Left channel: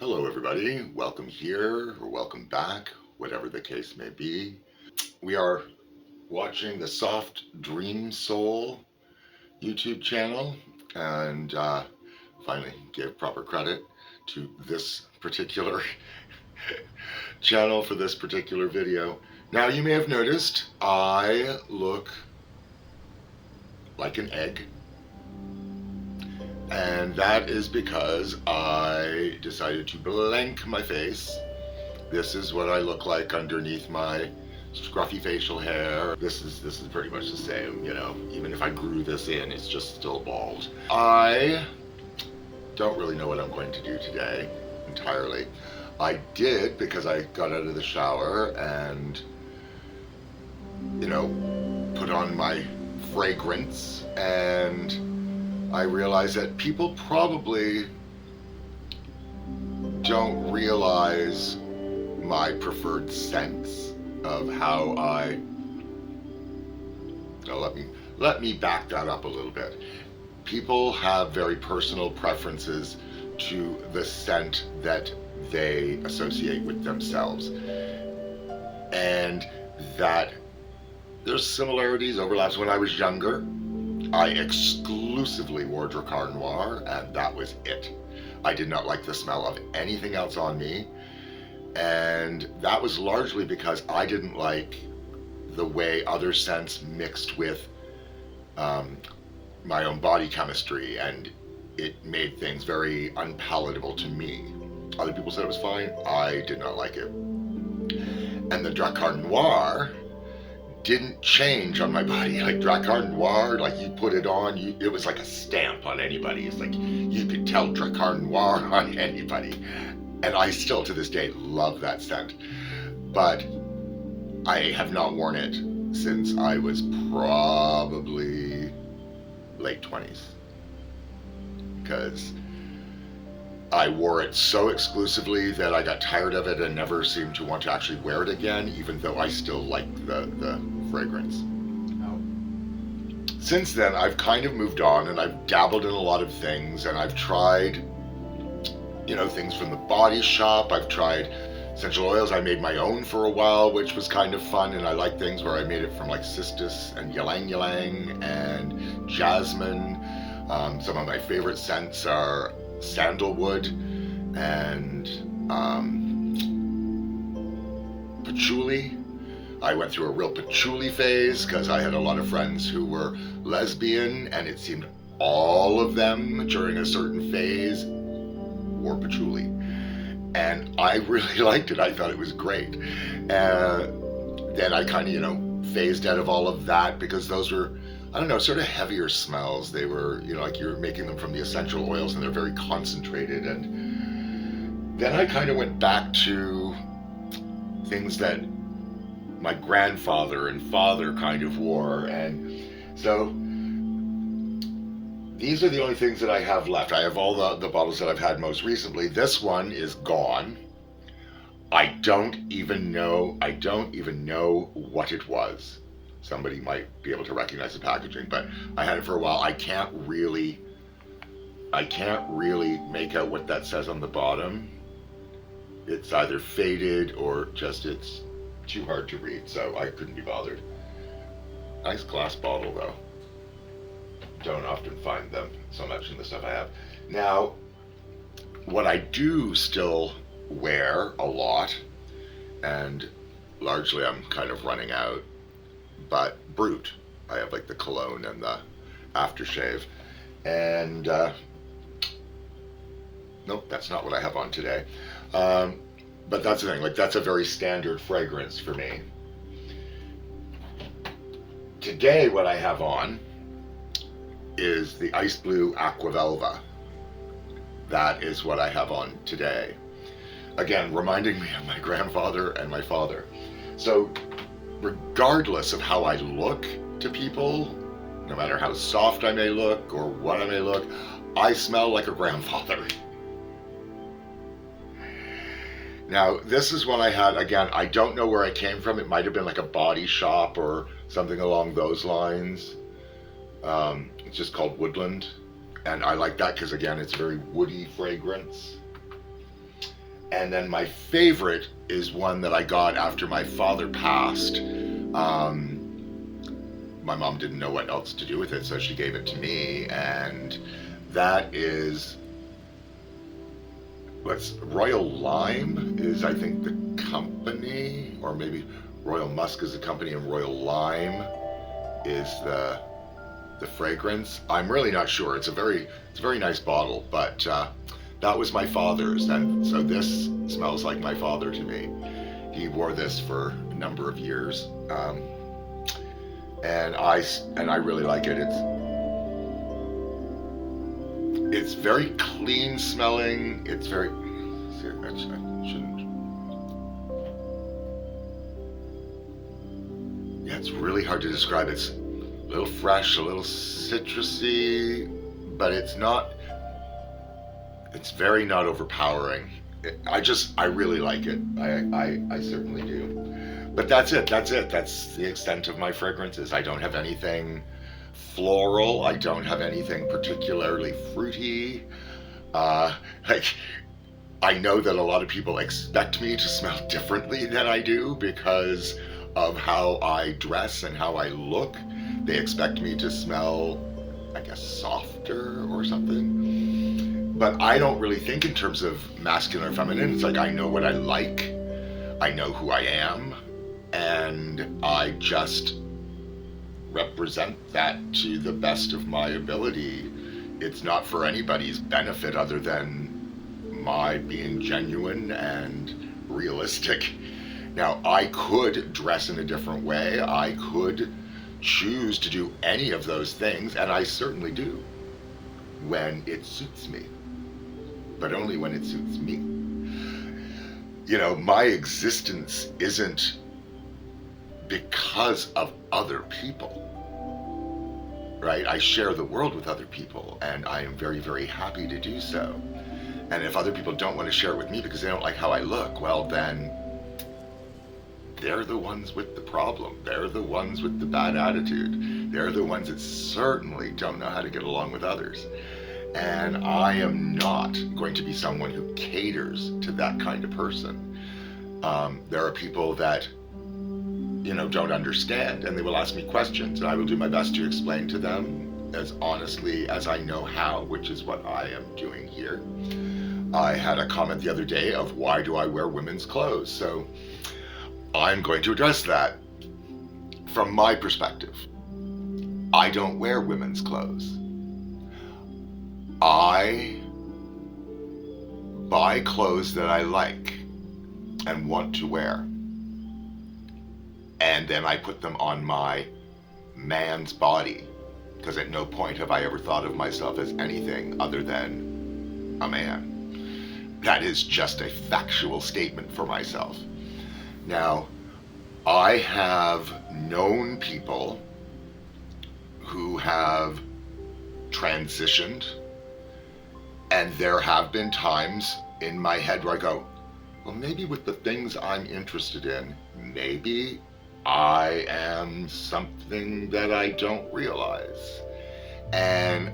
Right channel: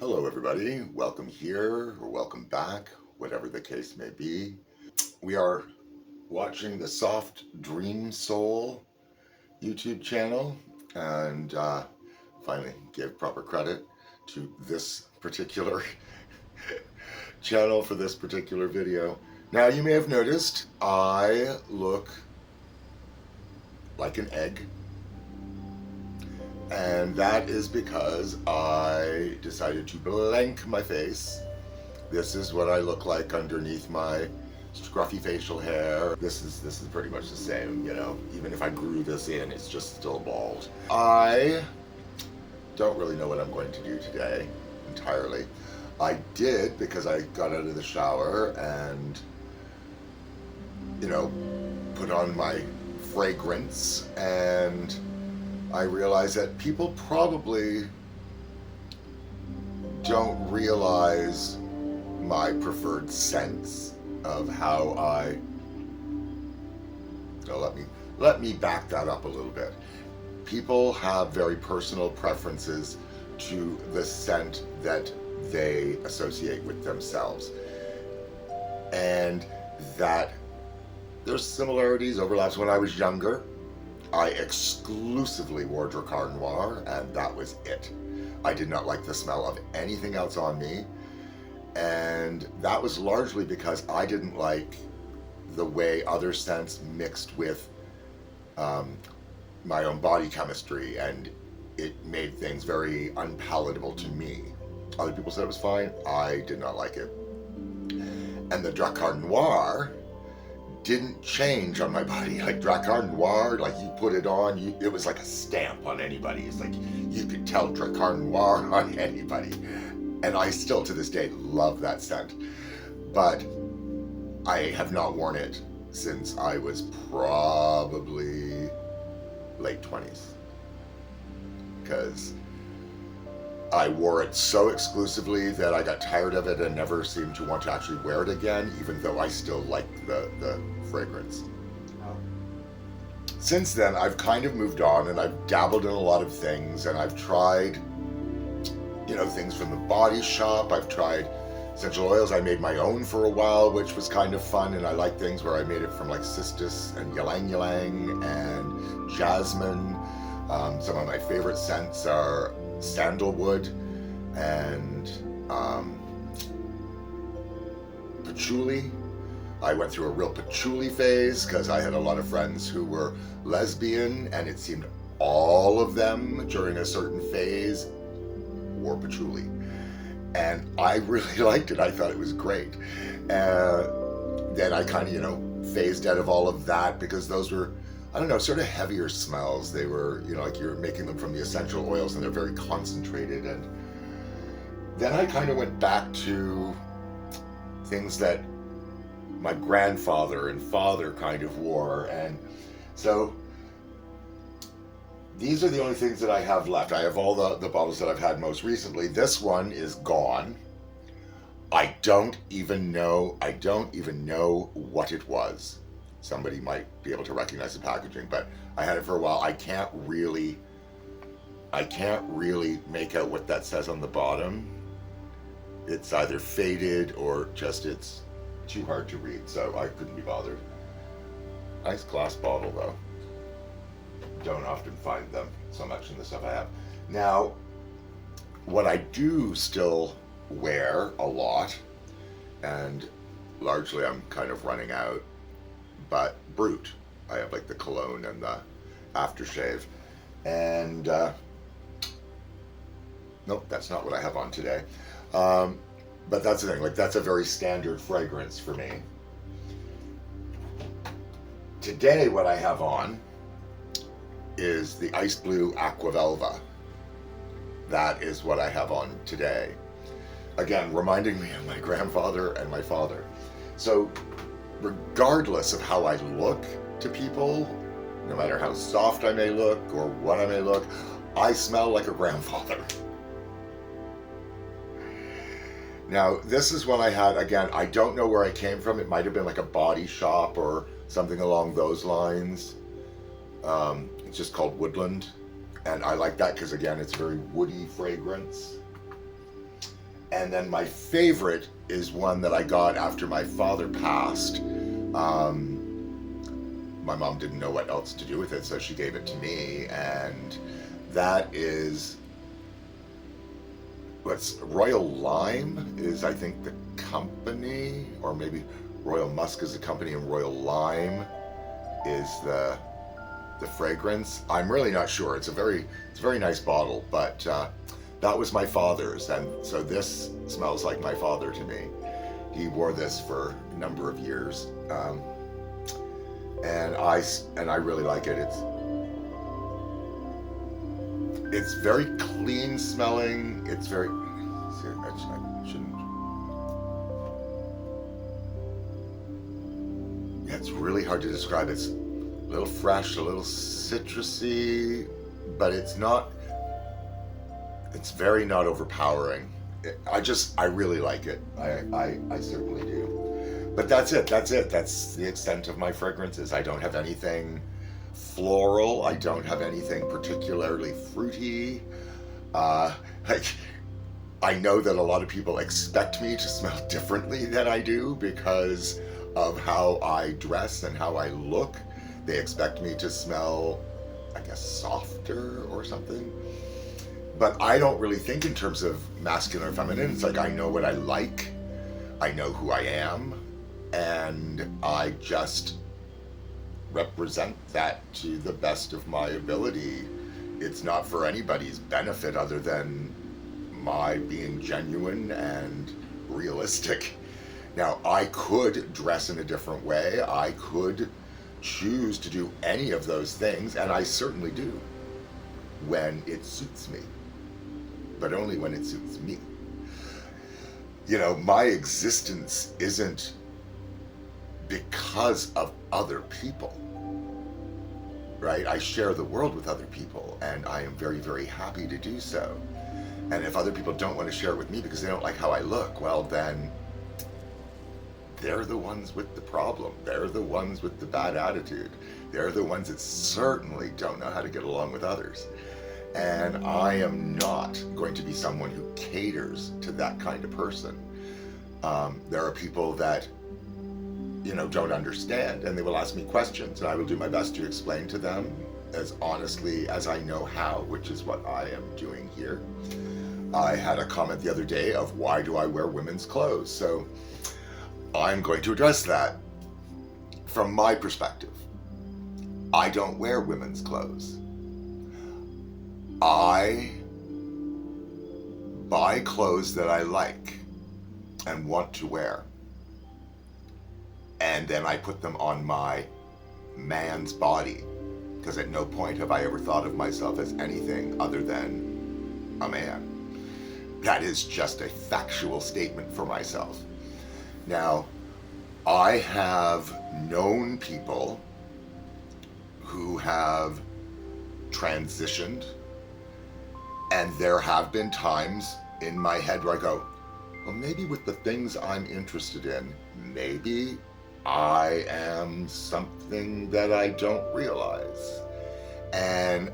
Hello, everybody. Welcome here or welcome back, whatever the case may be. We are watching the Soft Dream Soul YouTube channel and finally give proper credit to this particular channel for this particular video. Now, you may have noticed I look like an egg, and that is because I decided to blank my face. This is what I look like underneath my scruffy facial hair. This is pretty much the same, you know. Even if I grew this in, it's just still bald. I don't really know what I'm going to do today entirely. I did because I got out of the shower and, you know, put on my fragrance, and I realized that people probably don't realize my preferred scents of how I. Now let me back that up a little bit. People have very personal preferences to the scent that they associate with themselves, and that there's similarities, overlaps. When I was younger, I exclusively wore Drakkar Noir, and that was it. I did not like the smell of anything else on me, and that was largely because I didn't like the way other scents mixed with my own body chemistry, and it made things very unpalatable to me. Other people said it was fine. I did not like it. And the Drakkar Noir didn't change on my body. Like Drakkar Noir, like you put it on, it was like a stamp on anybody. It's like you could tell Drakkar Noir on anybody. And I still to this day love that scent. But I have not worn it since I was probably late 20s. Because I wore it so exclusively that I got tired of it and never seemed to want to actually wear it again, even though I still liked the fragrance. Since then, I've kind of moved on, and I've dabbled in a lot of things, and I've tried, you know, things from the Body Shop. I've tried essential oils. I made my own for a while, which was kind of fun, and I like things where I made it from like cistus and ylang ylang and jasmine. Some of my favorite scents are sandalwood and patchouli. I went through a real patchouli phase because I had a lot of friends who were lesbian, and it seemed all of them during a certain phase wore patchouli, and I really liked it. I thought it was great. Then I kind of, you know, phased out of all of that because those were, I don't know, sort of heavier smells. They were, you know, like you're making them from the essential oils, and they're very concentrated. And then I kind of went back to things that my grandfather and father kind of wore. And so these are the only things that I have left. I have all the bottles that I've had most recently. This one is gone. I don't even know what it was. Somebody might be able to recognize the packaging, but I had it for a while. I can't really make out what that says on the bottom. It's either faded or just it's too hard to read, so I couldn't be bothered. Nice glass bottle though. Don't often find them so much in the stuff I have. Now, what I do still wear a lot, and largely I'm kind of running out, but Brut. I have like the cologne and the aftershave. And nope, that's not what I have on today. But that's the thing, like that's a very standard fragrance for me. Today what I have on is the Ice Blue Aquavelva. That is what I have on today. Again, reminding me of my grandfather and my father. So regardless of how I look to people, no matter how soft I may look or what I may look, I smell like a grandfather. Now, this is one I had, again, I don't know where I came from. It might have been like a Body Shop or something along those lines. It's just called Woodland. And I like that because, again, it's a very woody fragrance. And then my favorite is one that I got after my father passed. My mom didn't know what else to do with it, so she gave it to me. And that is what's Royal Lime is, I think, the company, or maybe Royal Musk is the company, and Royal Lime is the fragrance. I'm really not sure. It's a very nice bottle, but that was my father's, and so this smells like my father to me. He wore this for a number of years, and I really like it. It's very clean smelling. It's very. I shouldn't. Yeah, it's really hard to describe. It's a little fresh, a little citrusy, but it's not. It's very not overpowering. I really like it. I certainly do. But that's it. That's the extent of my fragrances. I don't have anything floral. I don't have anything particularly fruity. Like, I know that a lot of people expect me to smell differently than I do because of how I dress and how I look. They expect me to smell, I guess, softer or something. But I don't really think in terms of masculine or feminine. It's like I know what I like, I know who I am, and I just represent that to the best of my ability. It's not for anybody's benefit other than my being genuine and realistic. Now, I could dress in a different way. I could choose to do any of those things, and I certainly do when it suits me, but only when it suits me. You know, my existence isn't because of other people, right? I share the world with other people, and I am very, very happy to do so. And if other people don't want to share it with me because they don't like how I look, well, then they're the ones with the problem. They're the ones with the bad attitude. They're the ones that certainly don't know how to get along with others. And I am not going to be someone who caters to that kind of person. There are people that, you know, don't understand, and they will ask me questions, and I will do my best to explain to them as honestly as I know how, which is what I am doing here. I had a comment the other day of why do I wear women's clothes? So I'm going to address that from my perspective. I don't wear women's clothes. I buy clothes that I like and want to wear, and then I put them on my man's body, because at no point have I ever thought of myself as anything other than a man. That is just a factual statement for myself. Now, I have known people who have transitioned, and there have been times in my head where I go, well, maybe with the things I'm interested in, maybe I am something that I don't realize. And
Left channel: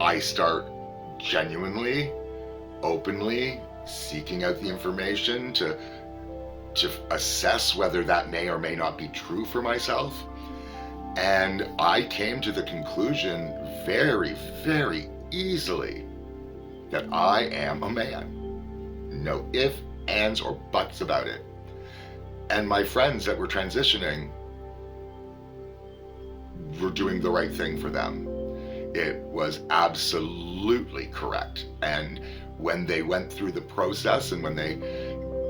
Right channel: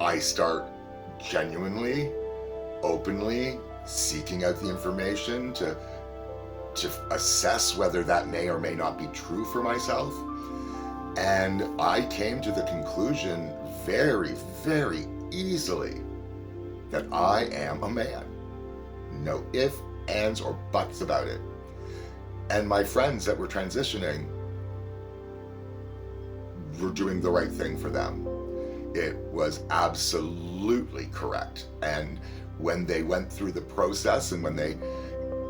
I start genuinely, openly seeking out the information to assess whether that may or may not be true for myself. And I came to the conclusion very, very easily that I am a man. No ifs, ands, or buts about it. And my friends that were transitioning were doing the right thing for them. It was absolutely correct. And when they went through the process and when they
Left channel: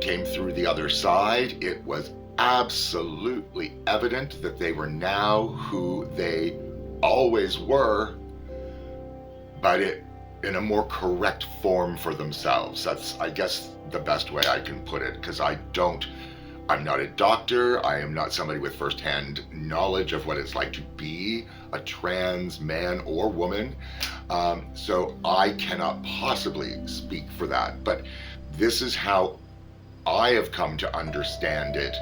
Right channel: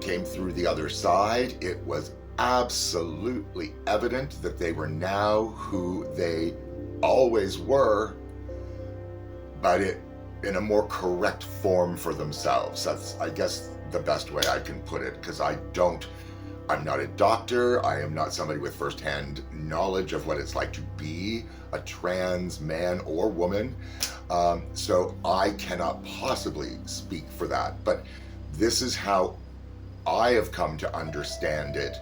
came through the other side, it was absolutely evident that they were now who they always were, but in a more correct form for themselves. That's, I guess, the best way I can put it, because I'm not a doctor. I am not somebody with firsthand knowledge of what it's like to be a trans man or woman. So I cannot possibly speak for that. But this is how I have come to understand it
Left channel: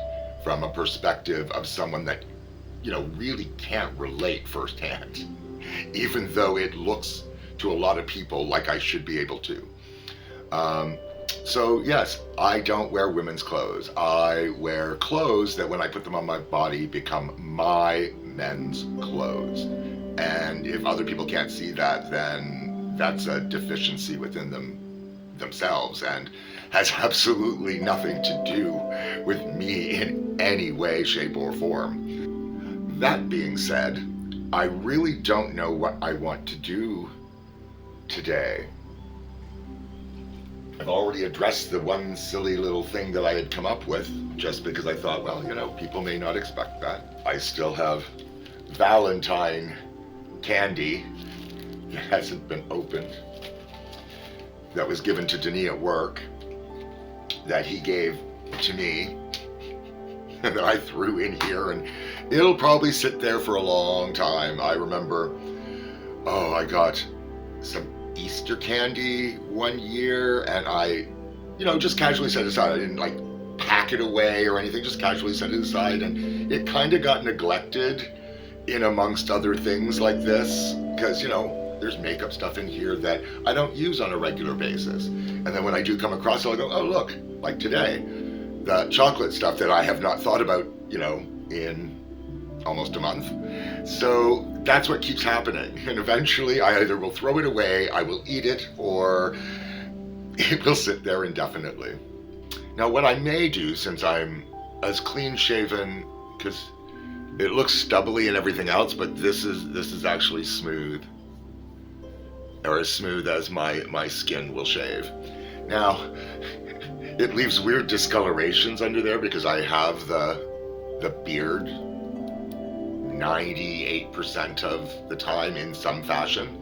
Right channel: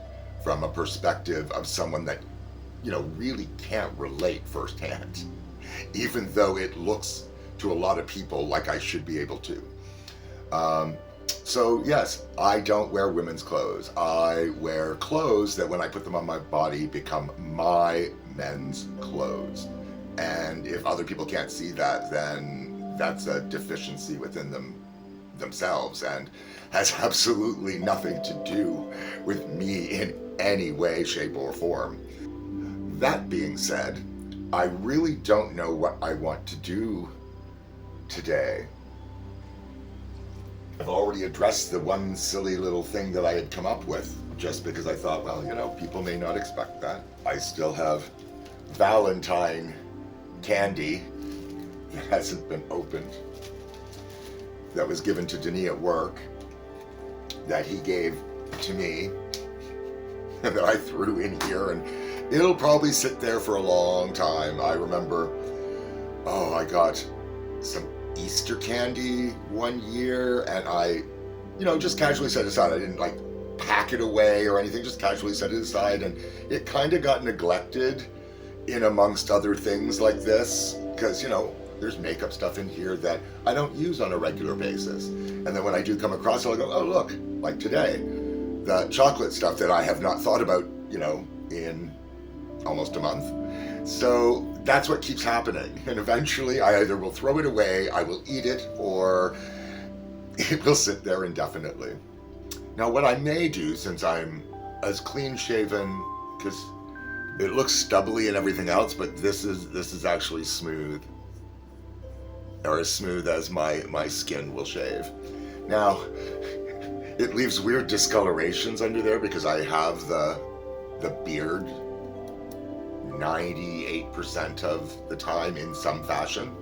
from a perspective of someone that, you know, really can't relate firsthand, even though it looks to a lot of people like I should be able to. So, yes, I don't wear women's clothes. I wear clothes that when I put them on my body become my men's clothes. And if other people can't see that, then that's a deficiency within themselves and has absolutely nothing to do with me in any way, shape, or form. That being said, I really don't know what I want to do today. I've already addressed the one silly little thing that I had come up with just because I thought, well, people may not expect that. I still have Valentine candy that hasn't been opened, that was given to Denis at work, that he gave to me, and that I threw in here, and it'll probably sit there for a long time. I remember, I got some Easter candy one year, and I, just casually set it aside. I didn't pack it away or anything, just casually set it aside, and it kind of got neglected in amongst other things like this, because, there's makeup stuff in here that I don't use on a regular basis. And then when I do come across it, I'll go, oh, look, like today, the chocolate stuff that I have not thought about, in almost a month. So that's what keeps happening. And eventually I either will throw it away, I will eat it, or it will sit there indefinitely. Now, what I may do, since I'm as clean shaven, because it looks stubbly and everything else, but this is actually smooth, or as smooth as my skin will shave. Now, it leaves weird discolorations under there because I have the beard 98% of the time in some fashion.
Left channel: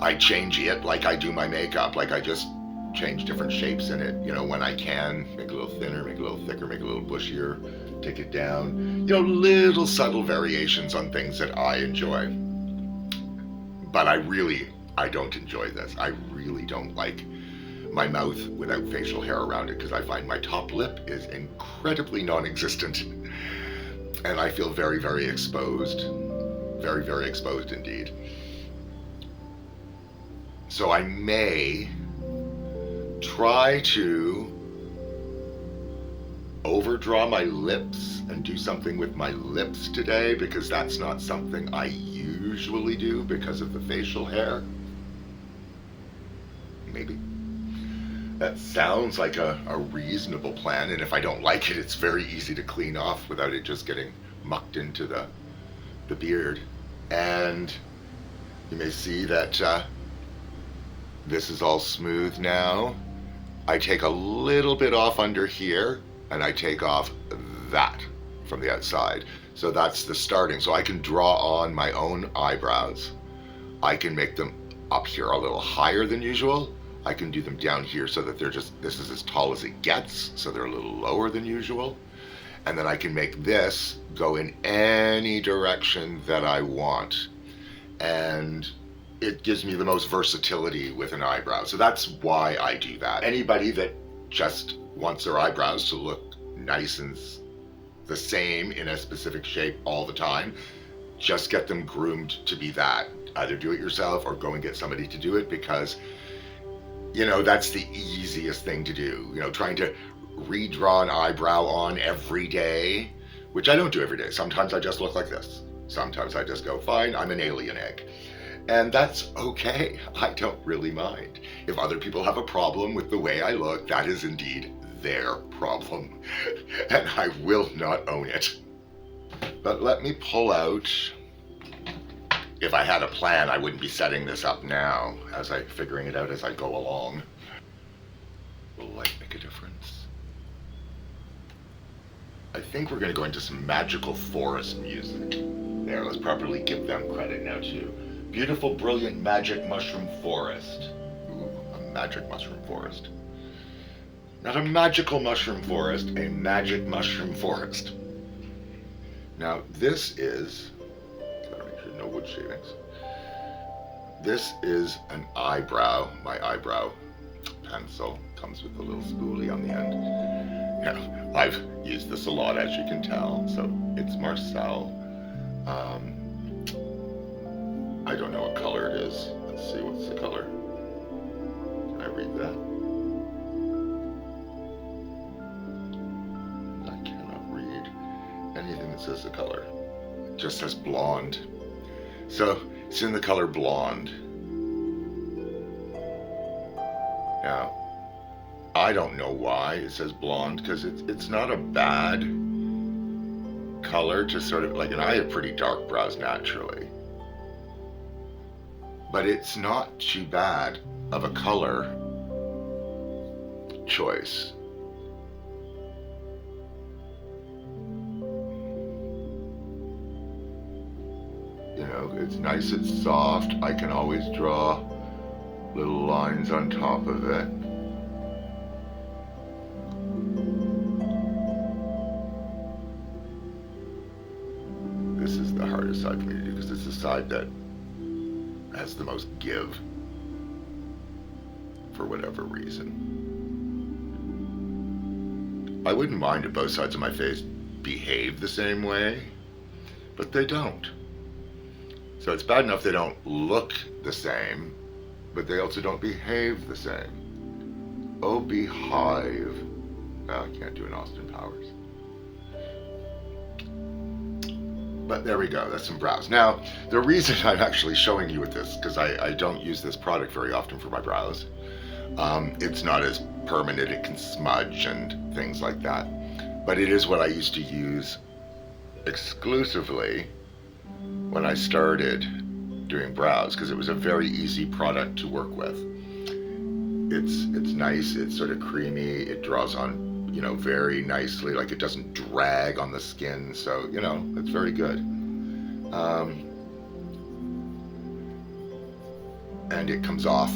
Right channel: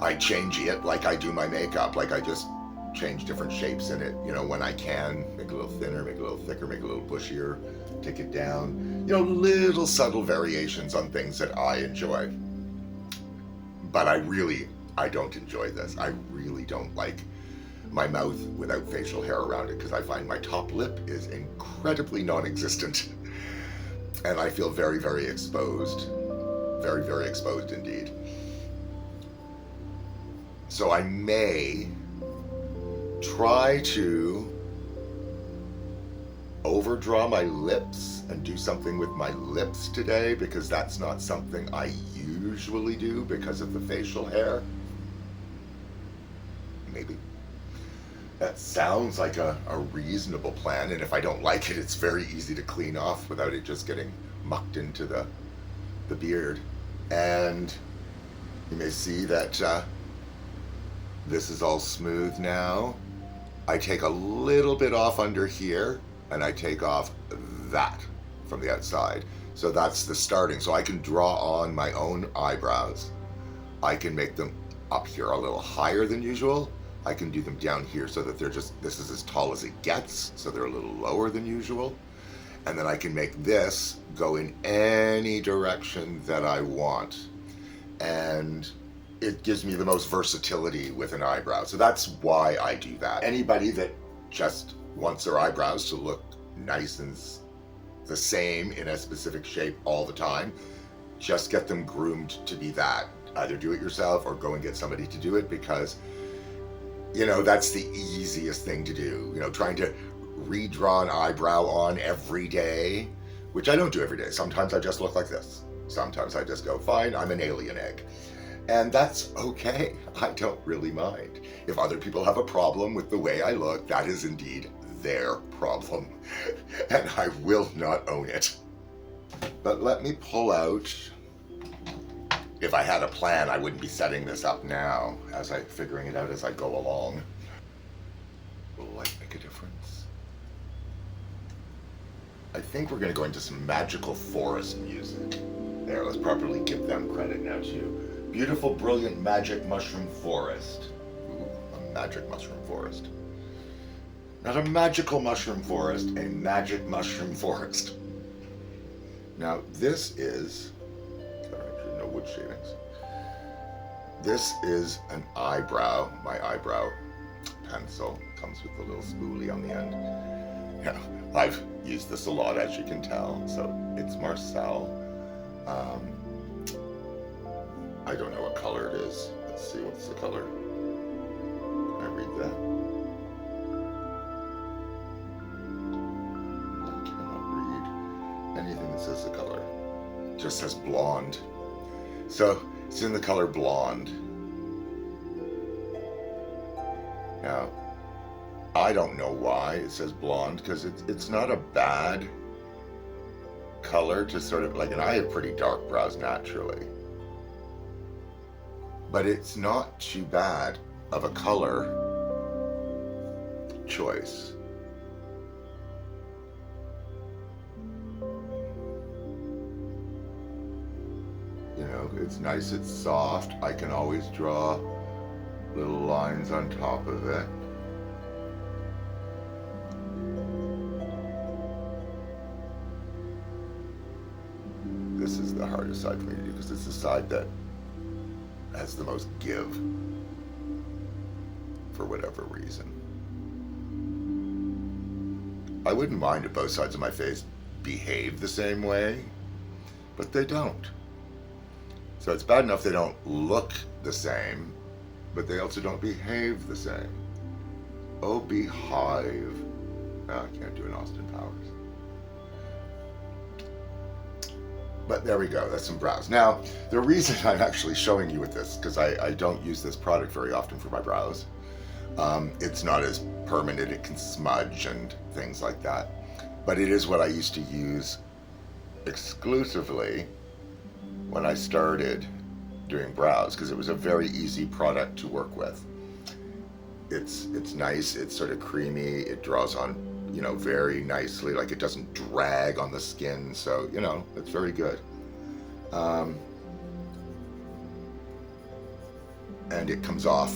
I change it like I do my makeup, like I just change different shapes in it, when I can. Make it a little thinner, make it a little thicker, make it a little bushier, take it down. Little subtle variations on things that I enjoy. But I don't enjoy this. I really don't like my mouth without facial hair around it because I find my top lip is incredibly non-existent. And I feel very, very exposed. Very, very exposed indeed. So I may try to overdraw my lips and do something with my lips today, because that's not something I usually do because of the facial hair. Maybe. That sounds like a reasonable plan, and if I don't like it, it's very easy to clean off without it just getting mucked into the beard. And you may see that this is all smooth now. I take a little bit off under here, and I take off that from the outside. So that's the starting. So I can draw on my own eyebrows. I can make them up here a little higher than usual. I can do them down here so that this is as tall as it gets, so they're a little lower than usual. And then I can make this go in any direction that I want. And it gives me the most versatility with an eyebrow. So that's why I do that. Anybody that just wants their eyebrows to look nice and the same in a specific shape all the time, just get them groomed to be that. Either do it yourself or go and get somebody to do it, because that's the easiest thing to do. Trying to redraw an eyebrow on every day, which I don't do every day. Sometimes I just look like this. Sometimes I just go, fine, I'm an alien egg. And that's okay. I don't really mind. If other people have a problem with the way I look, that is indeed their problem. And I will not own it. But let me pull out. If I had a plan, I wouldn't be setting this up now, figuring it out as I go along. Will light make a difference? I think we're going to go into some magical forest music. There, let's properly give them credit now too. Beautiful, brilliant, magic mushroom forest. Ooh, a magic mushroom forest. Not a magical mushroom forest, a magic mushroom forest. Now, this is, gotta make sure no wood shavings. This is an eyebrow, my eyebrow pencil. Comes with a little spoolie on the end. Yeah, I've used this a lot, as you can tell. So it's Marcel. I don't know what color it is. Let's see, what's the color? Can I read that? anything that says the color. It just says blonde. So it's in the color blonde. Now, I don't know why it says blonde, because it's not a bad color to sort of, like, and I have pretty dark brows naturally. But it's not too bad of a color choice. You know, it's nice, it's soft. I can always draw little lines on top of it. This is the hardest side for me to do because it's the side that has the most give, for whatever reason. I wouldn't mind if both sides of my face behave the same way, but they don't. So it's bad enough they don't look the same, but they also don't behave the same. Oh, behive. Oh, I can't do an Austin Powers. But there we go, that's some brows. Now, the reason I'm actually showing you with this, because I don't use this product very often for my brows. It's not as permanent, it can smudge and things like that. But it is what I used to use exclusively when I started doing brows, because it was a very easy product to work with. It's nice, it's sort of creamy, it draws on, you know, very nicely, like it doesn't drag on the skin, so, you know, it's very good. And it comes off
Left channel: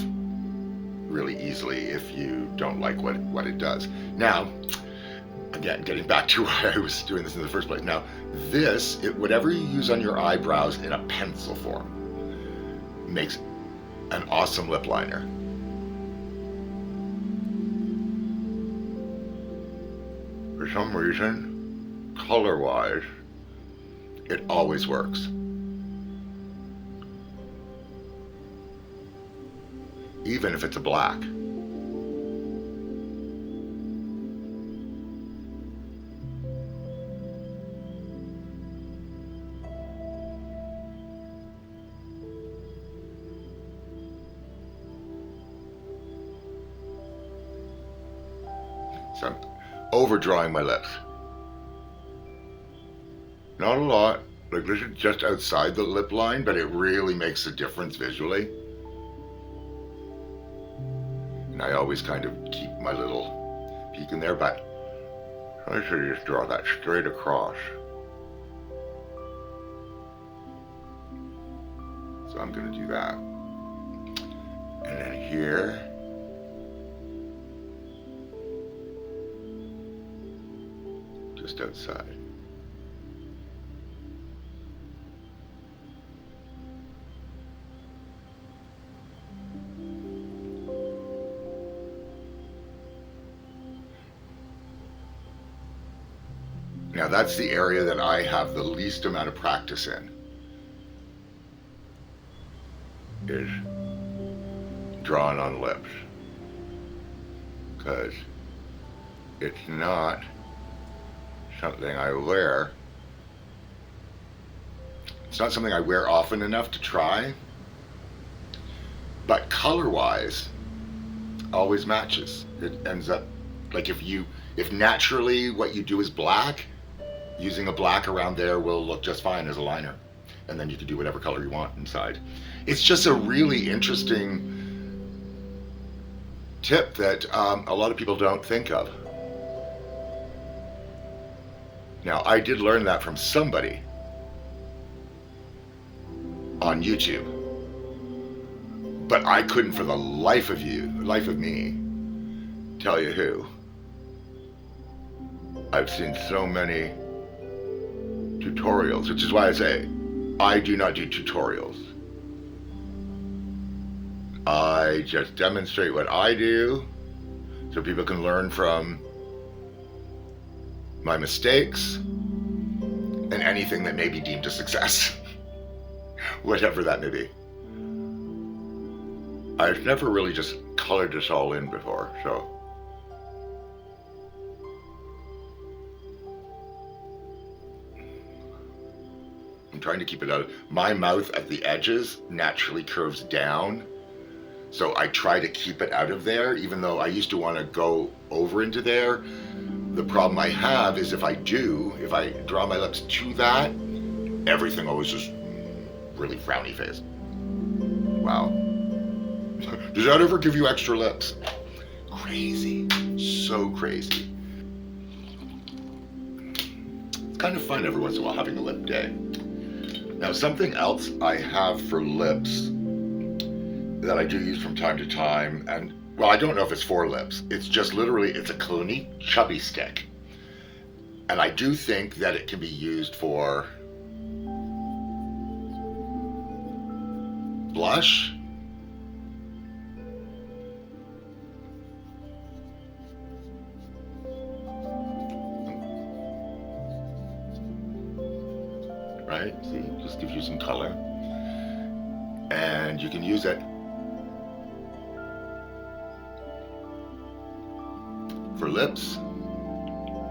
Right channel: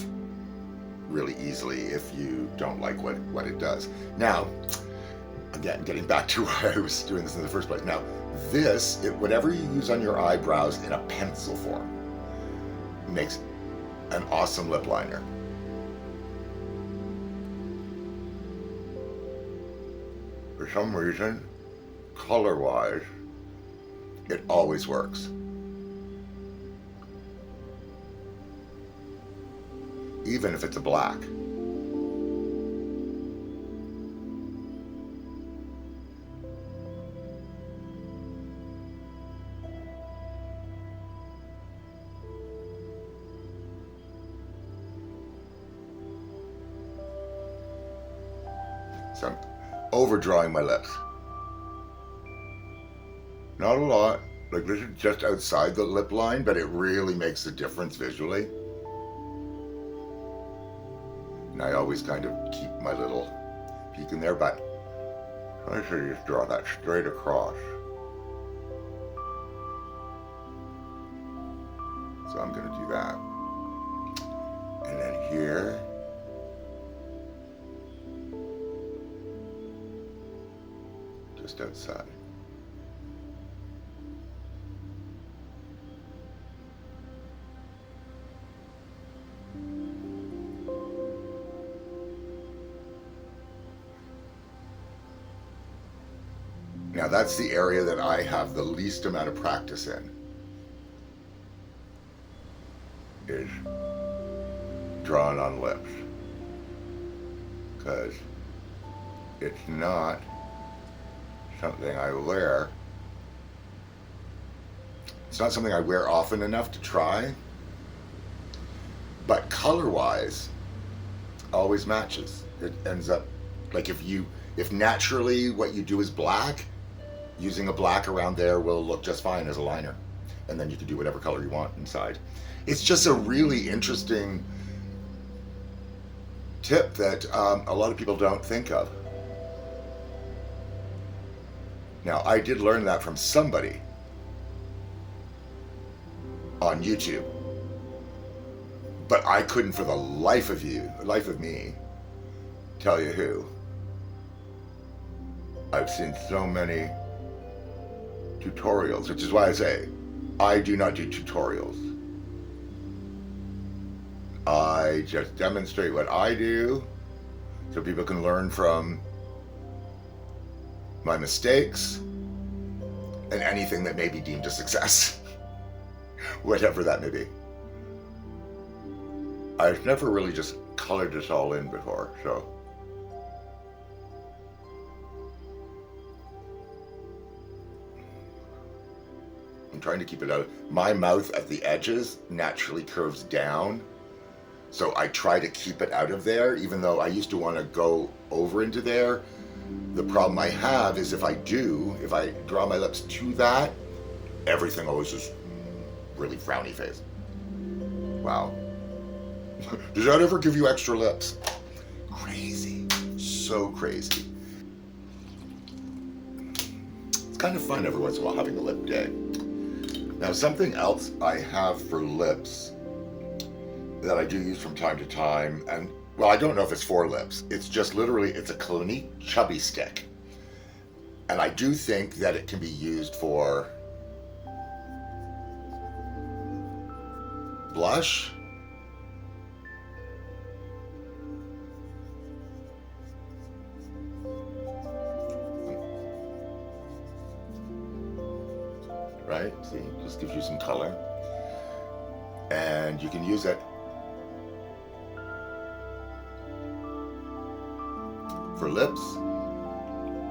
really easily if you don't like what it does. Now, again, getting back to why I was doing this in the first place. Now, whatever you use on your eyebrows in a pencil form makes an awesome lip liner. For some reason, color-wise, it always works. Even if it's a black. So I'm overdrawing my lips. Not a lot, like this is just outside the lip line, but it really makes a difference visually. And I always kind of keep my little peek in there, but I should just draw that straight across. So I'm gonna do that. And then here, just outside. Now that's the area that I have the least amount of practice in, is drawing on lips, because it's not something I wear. It's not something I wear often enough to try, but color-wise, always matches. It ends up, like if naturally what you do is black, using a black around there will look just fine as a liner. And then you can do whatever color you want inside. It's just a really interesting tip that a lot of people don't think of. Now, I did learn that from somebody on YouTube, but I couldn't for the life of me, tell you who. I've seen so many tutorials, which is why I say, I do not do tutorials. I just demonstrate what I do so people can learn from my mistakes and anything that may be deemed a success, whatever that may be. I've never really just colored this all in before, so. I'm trying to keep it out. My mouth at the edges naturally curves down, so I try to keep it out of there, even though I used to want to go over into there. The problem I have is if I draw my lips to that, everything always just really frowny face. Wow. Does that ever give you extra lips? Crazy. So crazy. It's kind of fun every once in a while having a lip day. Now, something else I have for lips that I do use from time to time, and well, I don't know if it's for lips. It's just literally, it's a Clinique chubby stick. And I do think that it can be used for blush. Right? See, just gives you some color. And you can use it for lips,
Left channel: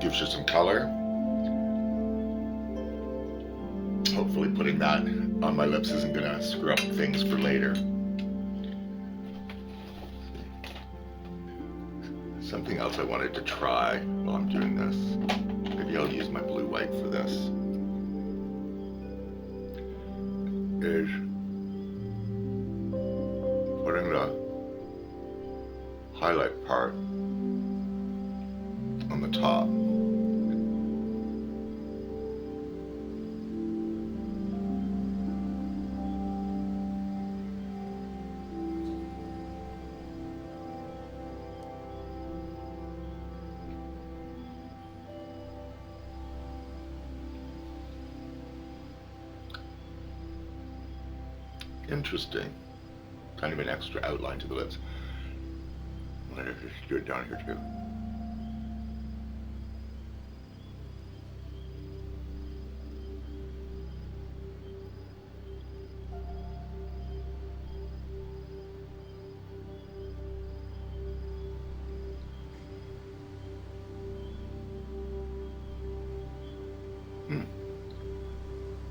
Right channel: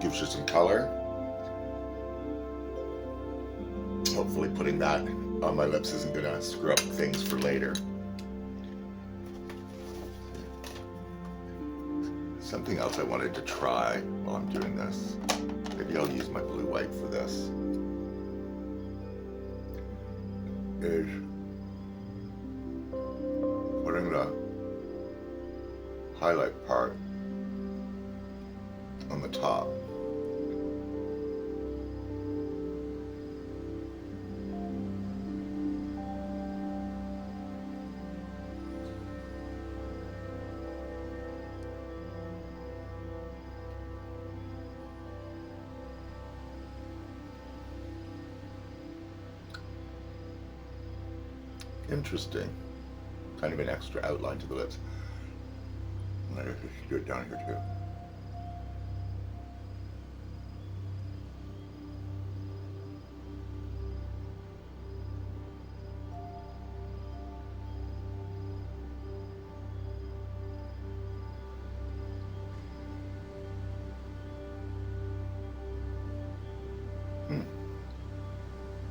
gives you some color. Hopefully putting that on my lips isn't gonna screw up things for later. Something else I wanted to try while I'm doing this. Maybe I'll use my blue white for this. Is putting the highlight part on the top. Interesting. Kind of an extra outline to the lips. Let me just do it down here too.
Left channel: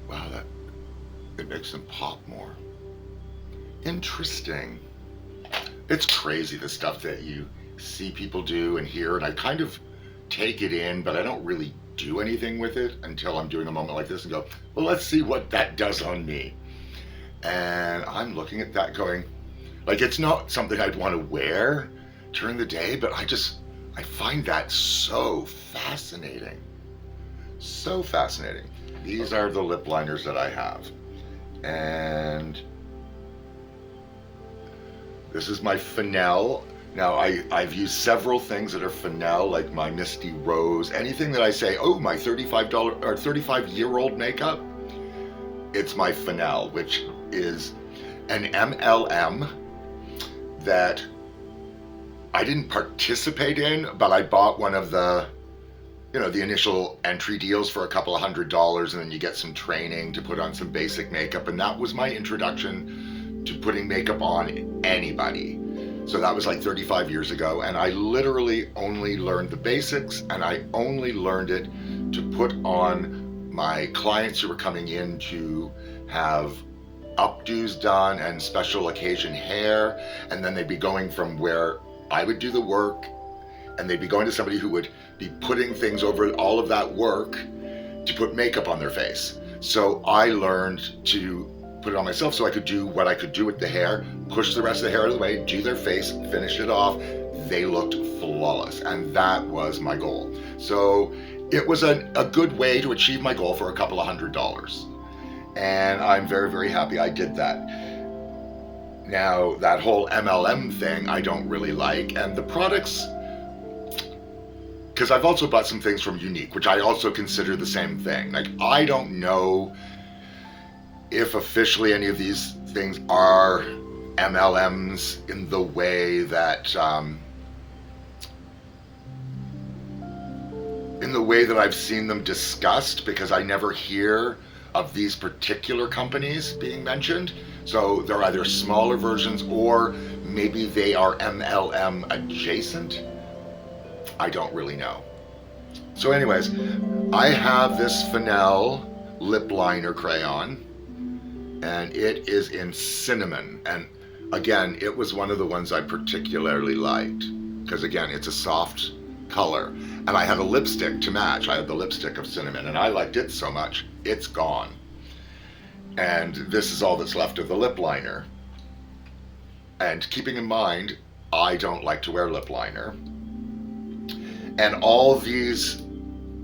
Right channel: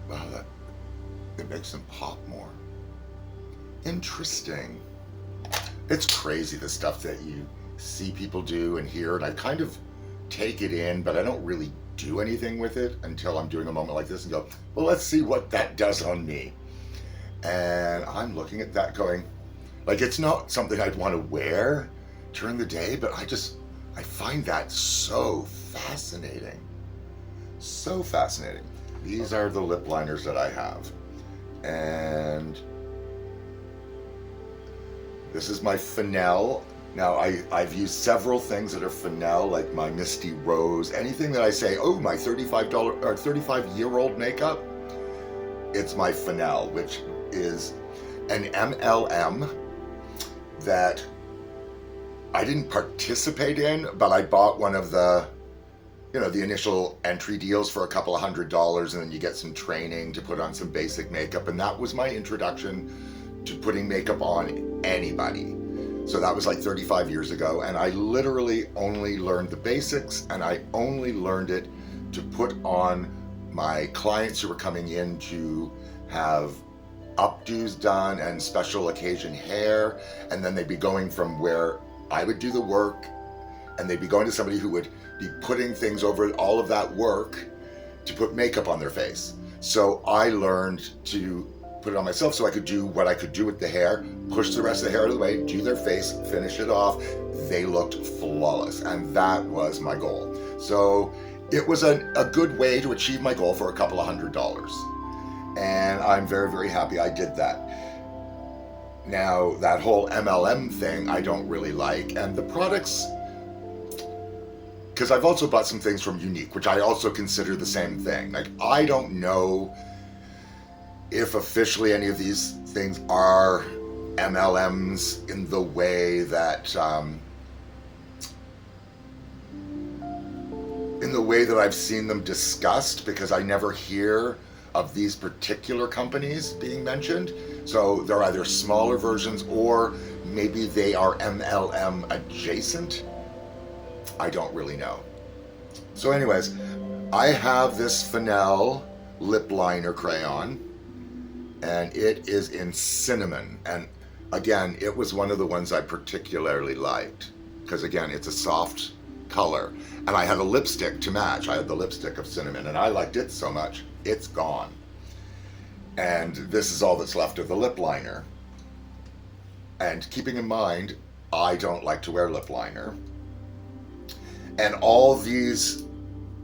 Wow, it makes them pop more. Interesting. It's crazy the stuff that you see people do and hear, and I kind of take it in, but I don't really do anything with it until I'm doing a moment like this and go, well, let's see what that does on me. And I'm looking at that going, like, it's not something I'd want to wear during the day, but I find that so fascinating. So fascinating. These are the lip liners that I have. And this is my Fennel. Now, I've used several things that are Fennel, like my Misty Rose. Anything that I say, oh, my $35 or 35-year-old makeup, it's my Fennel, which is an MLM that I didn't participate in, but I bought one of the, the initial entry deals for a couple of $100, and then you get some training to put on some basic makeup. And that was my introduction to putting makeup on anybody. So that was like 35 years ago. And I literally only learned the basics, and I only learned it to put on my clients who were coming in to have updos done and special occasion hair. And then they'd be going from where I would do the work, and they'd be going to somebody who would be putting things over all of that work to put makeup on their face. So I learned to put it on myself so I could do what I could do with the hair, push the rest of the hair out of the way, do their face, finish it off. They looked flawless, and that was my goal. So it was a good way to achieve my goal for a couple of $100. And I'm very, very happy I did that. Now, that whole MLM thing I don't really like, and the products, because I've also bought some things from Unique, which I also consider the same thing. Like, I don't know if officially any of these things are MLMs in the way that I've seen them discussed, because I never hear of these particular companies being mentioned. So they're either smaller versions, or maybe they are MLM adjacent. I don't really know. So anyways, I have this Fennel lip liner crayon, and it is in cinnamon. And again, it was one of the ones I particularly liked because again, it's a soft color. And I had a lipstick to match. I had the lipstick of cinnamon, and I liked it so much, it's gone. And this is all that's left of the lip liner. And keeping in mind, I don't like to wear lip liner. And all these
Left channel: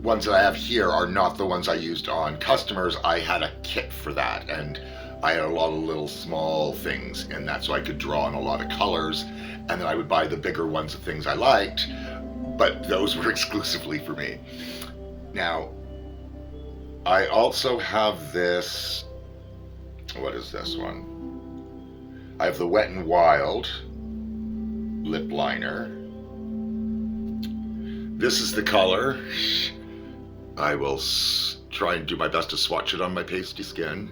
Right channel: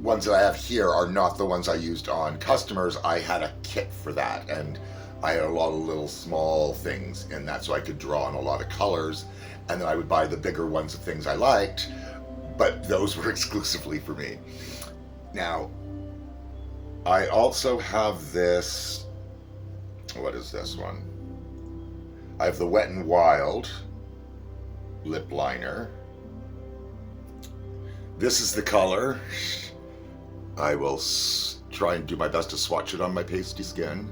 ones that I have here are not the ones I used on customers. I had a kit for that, and I had a lot of little small things in that so I could draw on a lot of colors, and then I would buy the bigger ones of things I liked, but those were exclusively for me. Now, I also have this, what is this one? I have the Wet n Wild lip liner. This is the color. I will try and do my best to swatch it on my pasty skin.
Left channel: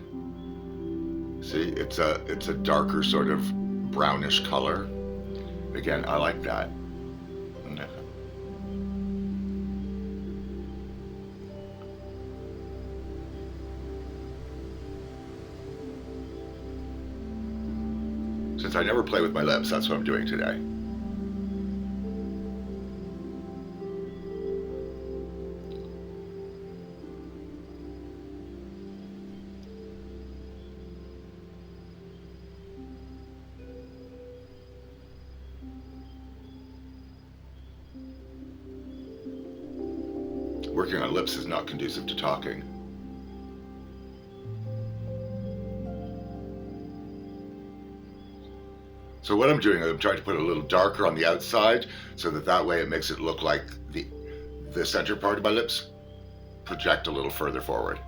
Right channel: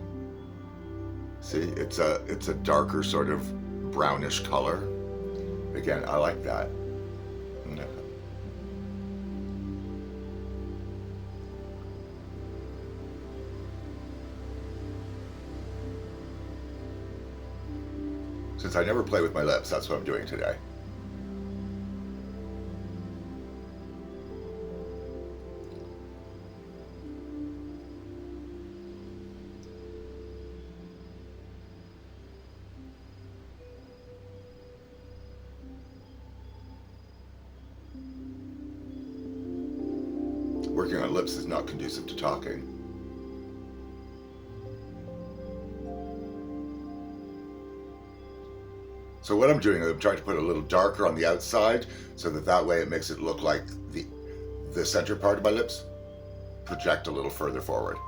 See, it's a darker sort of brownish color. Again, I like that. Since I never play with my lips, that's what I'm doing today. Working on lips is not conducive to talking. So what I'm doing is I'm trying to put a little darker on the outside so that way it makes it look like the center part of my lips project a little further forward.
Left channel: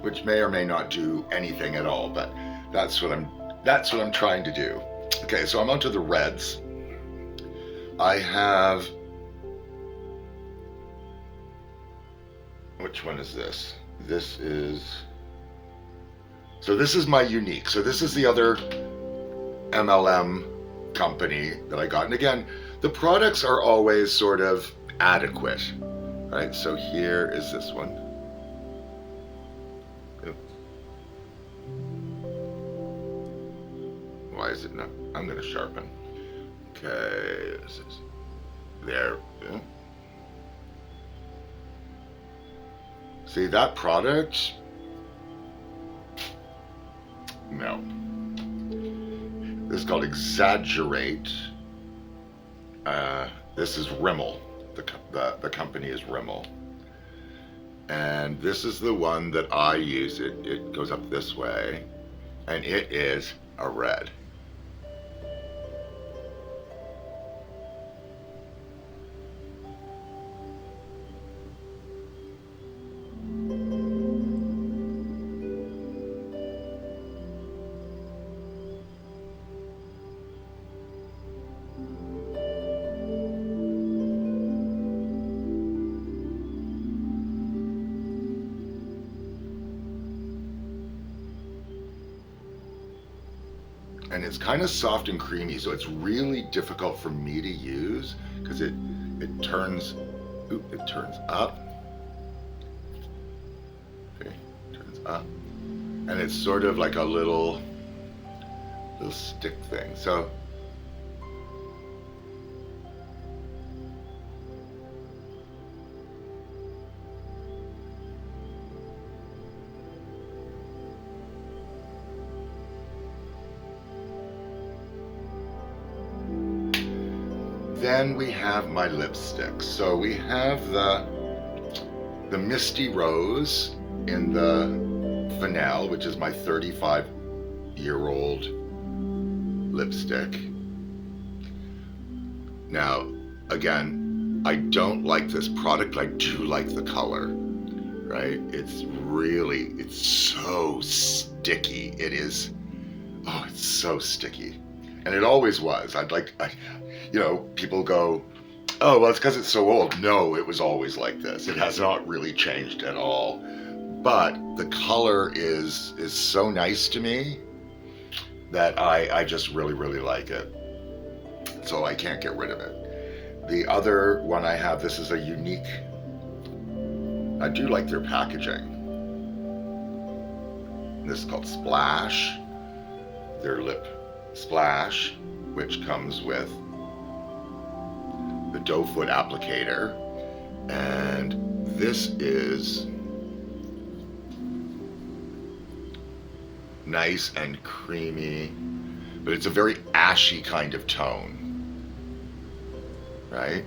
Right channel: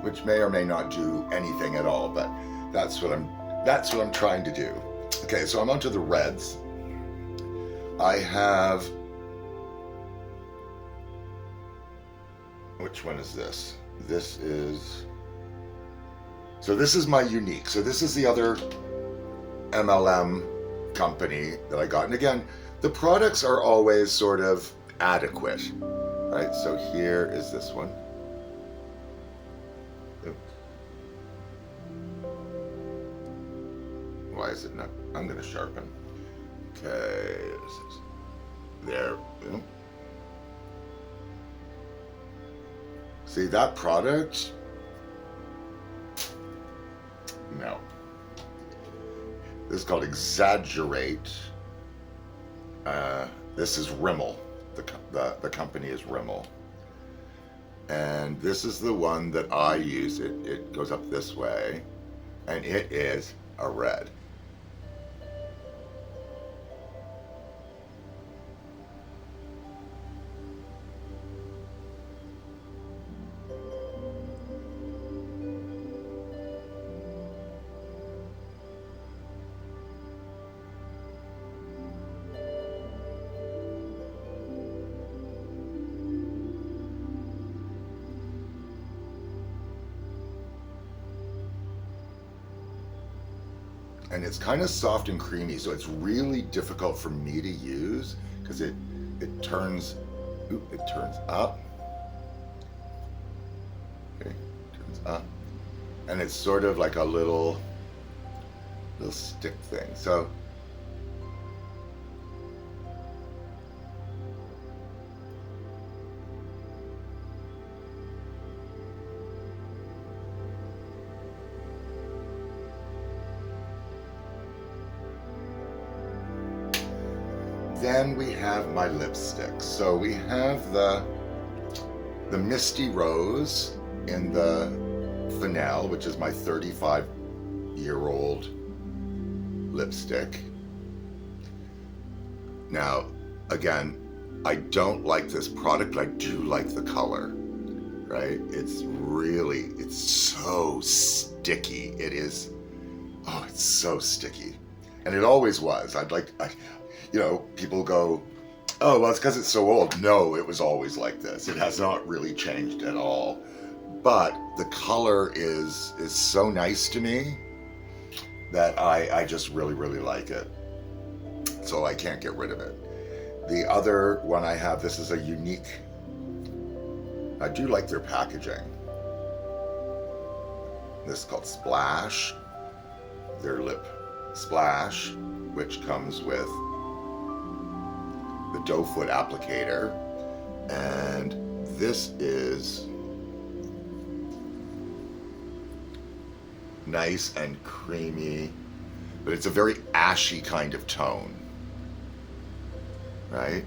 Which may or may not do anything at all, but that's what I'm trying to do. Okay, so I'm onto the reds. I have, which one is this? This is my unique. So this is the other MLM company that I got. And again, the products are always sort of adequate, right? So here is this one. Why is it not? I'm going to sharpen. Okay, there. See that product? No. This is called Exaggerate. This is Rimmel. The company is Rimmel. And this is the one that I use. It goes up this way, and it is a red. And it's kind of soft and creamy, so it's really difficult for me to use because it turns up. Okay, turns up, and it's sort of like a little stick thing. So then we have my lipsticks. So we have the Misty Rose in the Fennel, which is my 35-year-old lipstick. Now, again, I don't like this product, but I do like the color, right? It's so sticky. It is, oh, it's so sticky. And it always was. People go, Oh, well, it's because it's so old. No, it was always like this. It has not really changed at all. But the color is so nice to me that I just really, really like it. So I can't get rid of it. The other one I have, this is a unique, I do like their packaging. This is called Splash, their lip splash, which comes with the doe foot applicator. And this is nice and creamy, but it's a very ashy kind of tone, right?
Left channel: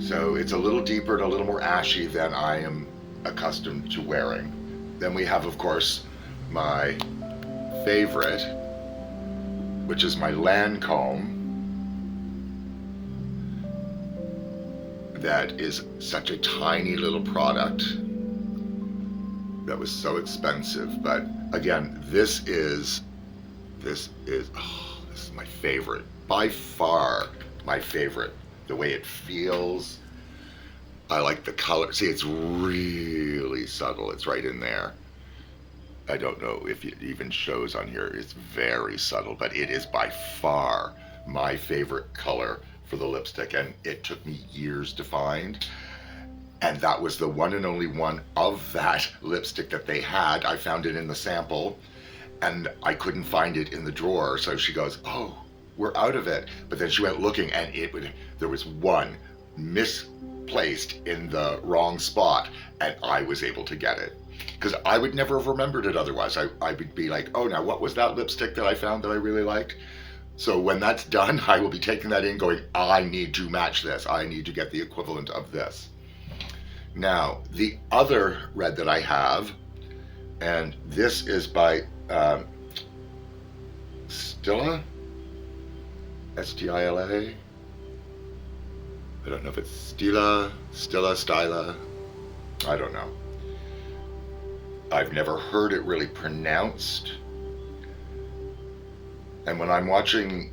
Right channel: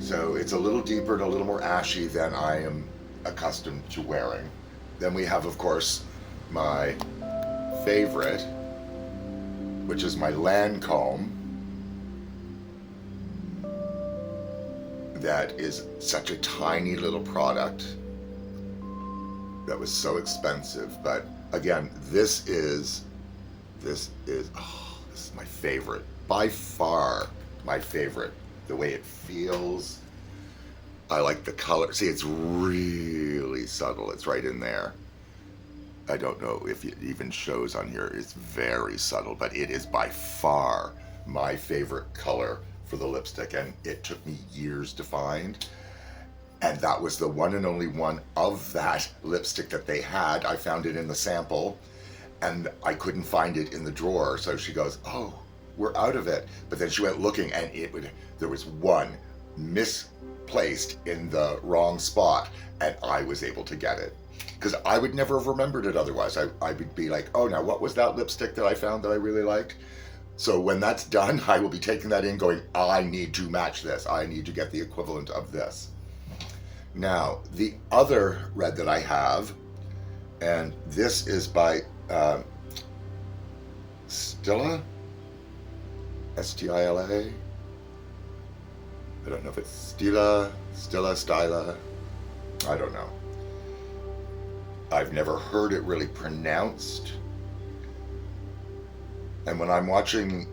So it's a little deeper and a little more ashy than I am accustomed to wearing. Then we have, of course, my favorite, which is my Lancome. That is such a tiny little product that was so expensive, but again, this is my favorite, by far my favorite. The way it feels, I like the color. See, it's really subtle. It's right in there. I don't know if it even shows on here. It's very subtle, but it is by far my favorite color for the lipstick, and it took me years to find. And that was the one and only one of that lipstick that they had. I found it in the sample, and I couldn't find it in the drawer. So she goes, "Oh, we're out of it." But then she went looking, and there was one misplaced in the wrong spot, and I was able to get it. Because I would never have remembered it otherwise. I would be like, "Oh, now what was that lipstick that I found that I really liked?" So when that's done, I will be taking that in going, I need to match this. I need to get the equivalent of this. Now, the other red that I have, and this is by Stila, S-T-I-L-A. I don't know if it's Stila, Styla. I don't know. I've never heard it really pronounced. And when I'm watching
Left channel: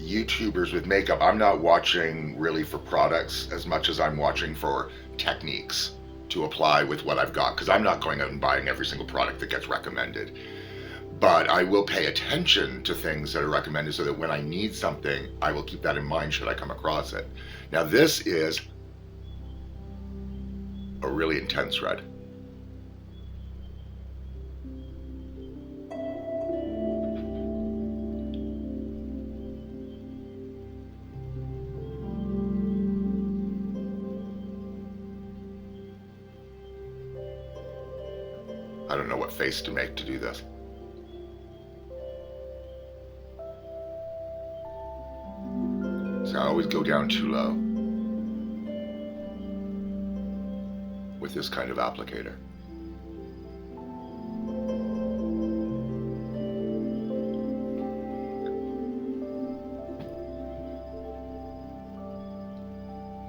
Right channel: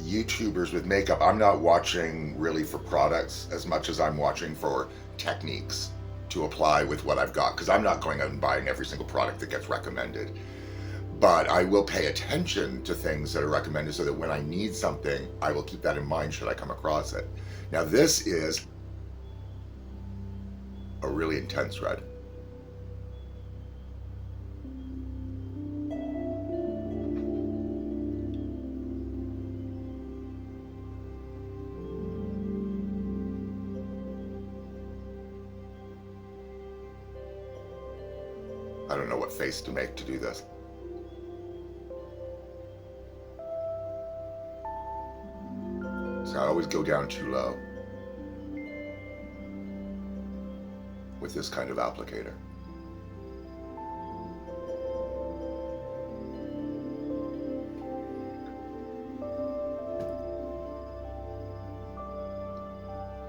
YouTubers with makeup, I'm not watching really for products as much as I'm watching for techniques to apply with what I've got, because I'm not going out and buying every single product that gets recommended. But I will pay attention to things that are recommended so that when I need something, I will keep that in mind should I come across it. Now this is a really intense red. I don't know what face to make to do this. So I always go down too low with this kind of applicator.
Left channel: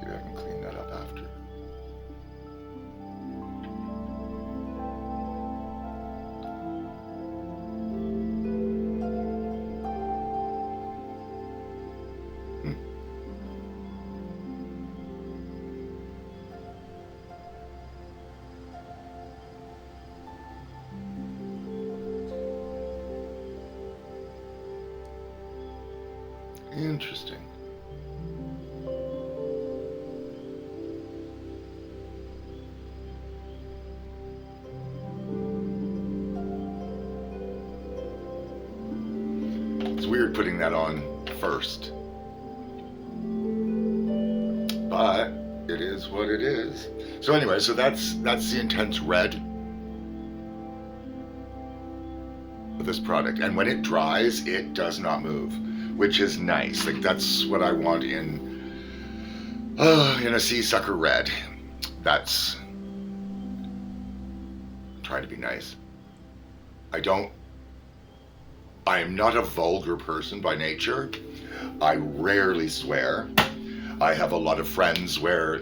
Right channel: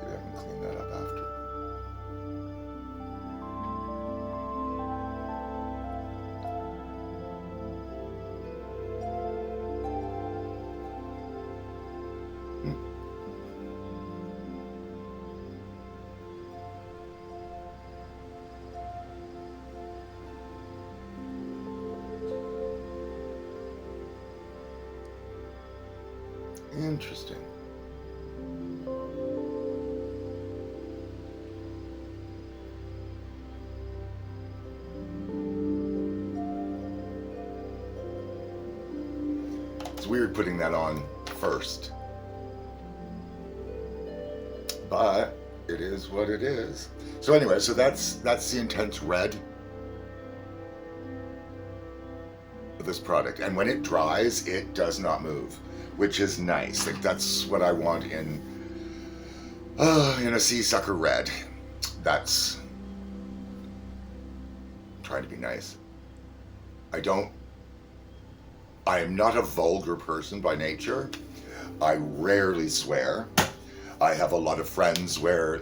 Maybe I can clean that up after. Interesting. It's weird putting that on first, but it is what it is. So anyway, so that's the intense red of this product, and when it dries, it does not move, which is nice. Like that's what I want in a sea sucker red. That's trying to be nice. I am not a vulgar person by nature. I rarely swear. I have a lot of friends where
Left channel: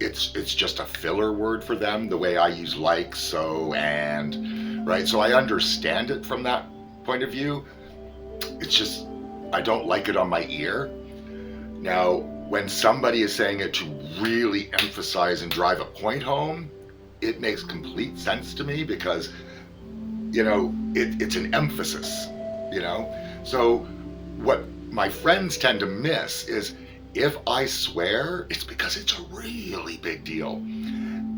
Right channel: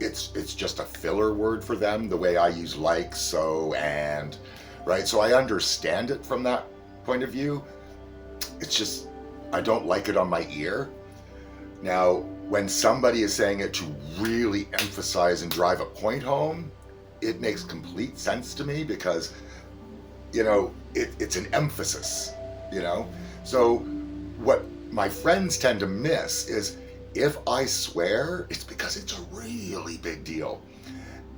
it's just a filler word for them, the way I use like, so, and, right? So I understand it from that point of view. It's just, I don't like it on my ear. Now, when somebody is saying it to really emphasize and drive a point home, it makes complete sense to me because, it's an emphasis, So what my friends tend to miss is if I swear, it's because it's a really big deal.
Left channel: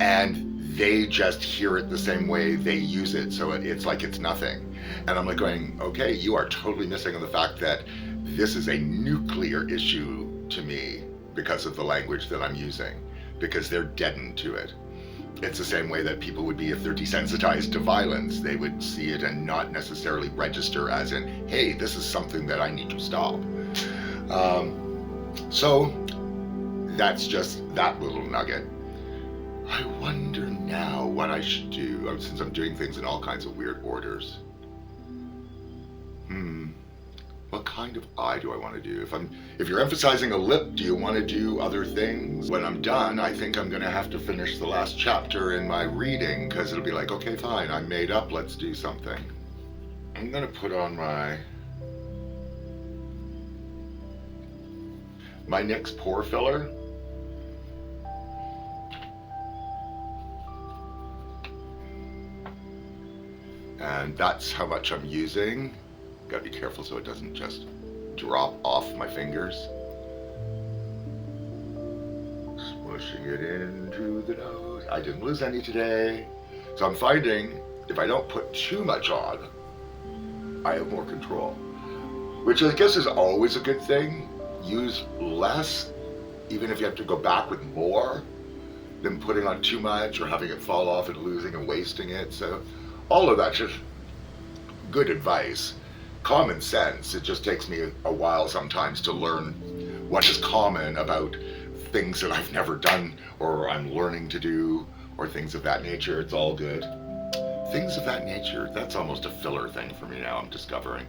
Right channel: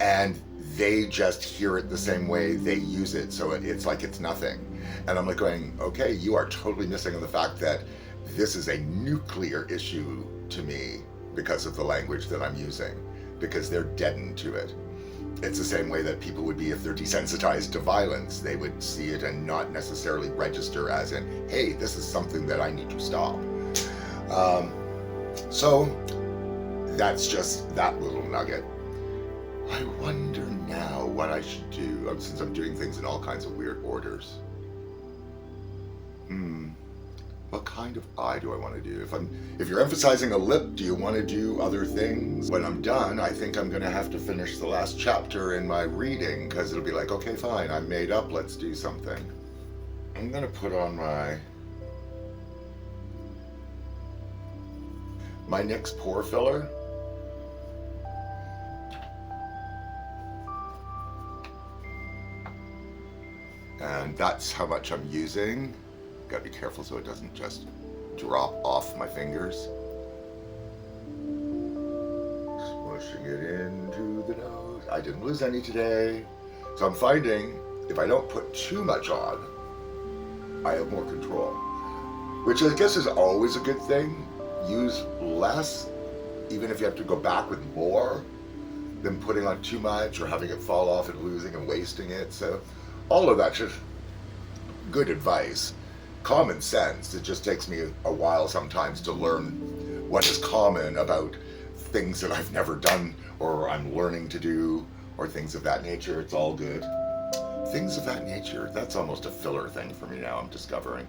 And they just hear it the same way they use it, so it's like it's nothing. And I'm like going, okay, you are totally missing on the fact that this is a nuclear issue to me because of the language that I'm using, because they're deadened to it. It's the same way that people would be if they're desensitized to violence. They would see it and not necessarily register as in, hey, this is something that I need to stop. So that's just that little nugget. I wonder now what I should do, since I'm doing things in all kinds of weird orders. What kind of eye do I want to do? If you're emphasizing a lip, do you want to do other things? When I'm done, I think I'm going to have to finish the last chapter in my reading, because it'll be like, okay, fine, I'm made up, let's do something. I'm going to put on my NYX pore filler. And that's how much I'm using. Gotta be careful so it doesn't just drop off my fingers. Smushing it into the nose. I didn't lose any today. So I'm finding if I don't put too much on, I have more control. Which I guess is always a good thing. Use less, even if you have to go back with more, than putting on too much or having it fall off and losing and wasting it. So all of that's just good advice. Common sense. It just takes me a while sometimes to learn what is common about things that I've never done or I'm learning to do or things of that nature. It's all good. Things of that nature, that's almost a filler thing for me now, I'm discovering.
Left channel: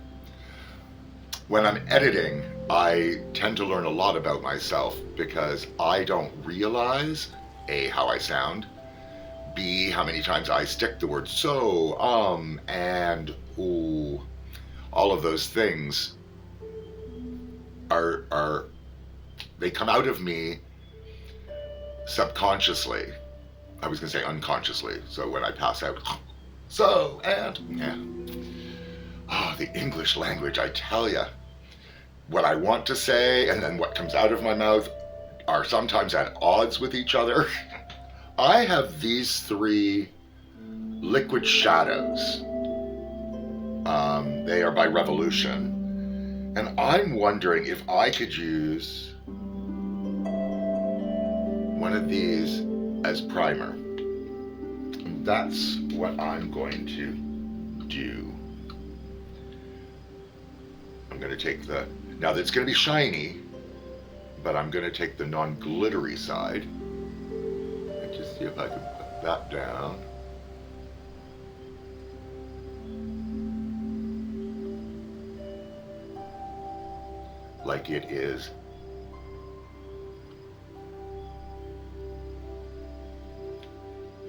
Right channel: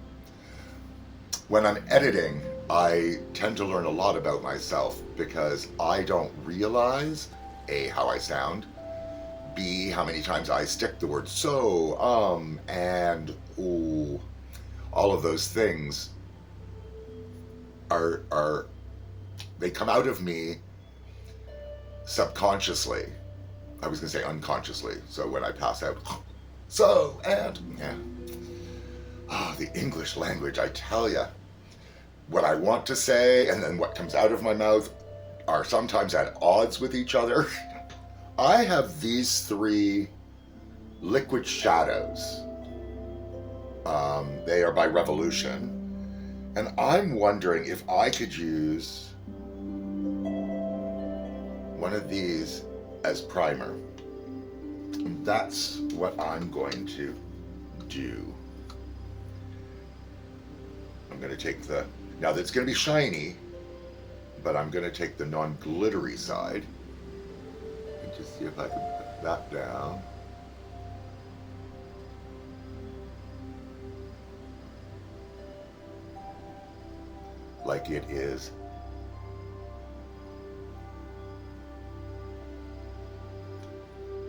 When I'm editing, I tend to learn a lot about myself because I don't realize, A, how I sound, B, how many times I stick the word so, and, ooh. All of those things are they come out of me subconsciously. I was going to say unconsciously. So when I pass out, so, and, yeah. Oh, the English language, I tell you. What I want to say and then what comes out of my mouth are sometimes at odds with each other. I have these 3 liquid shadows. They are by Revolution. And I'm wondering if I could use one of these as primer. And that's what I'm going to do. I'm going to take now that's going to be shiny, but I'm going to take the non-glittery side and just see if I can put that down. Like it is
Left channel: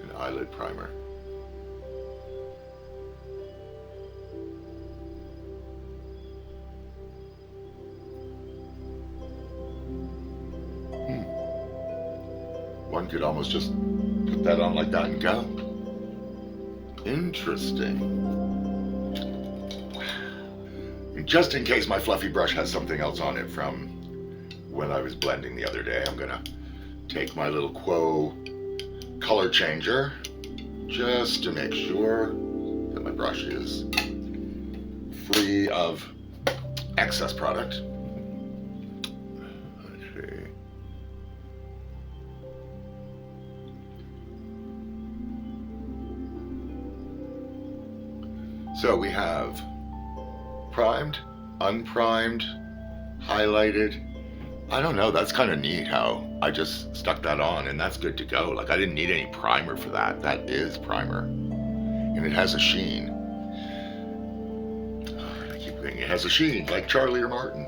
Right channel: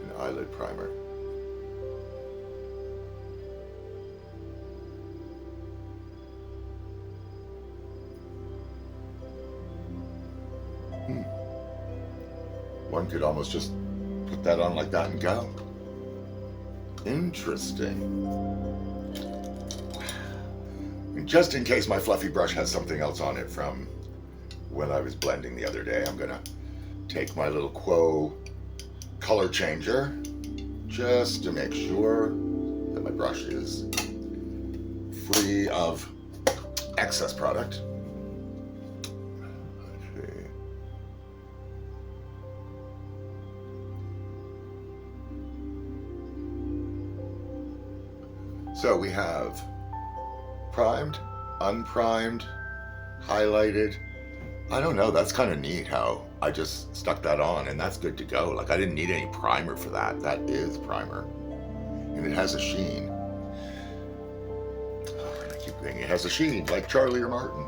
an eyelid primer. One could almost just put that on like that and go. Interesting. And just in case my fluffy brush has something else on it from when I was blending the other day, I'm gonna take my little Quo color changer just to make sure that my brush is free of excess product. Let's see. So we have primed, unprimed, highlighted. I don't know, that's kind of neat how I just stuck that on and that's good to go. Like I didn't need any primer for that. That is primer. And it has a sheen. I keep thinking it has a sheen like Charlie or Martin.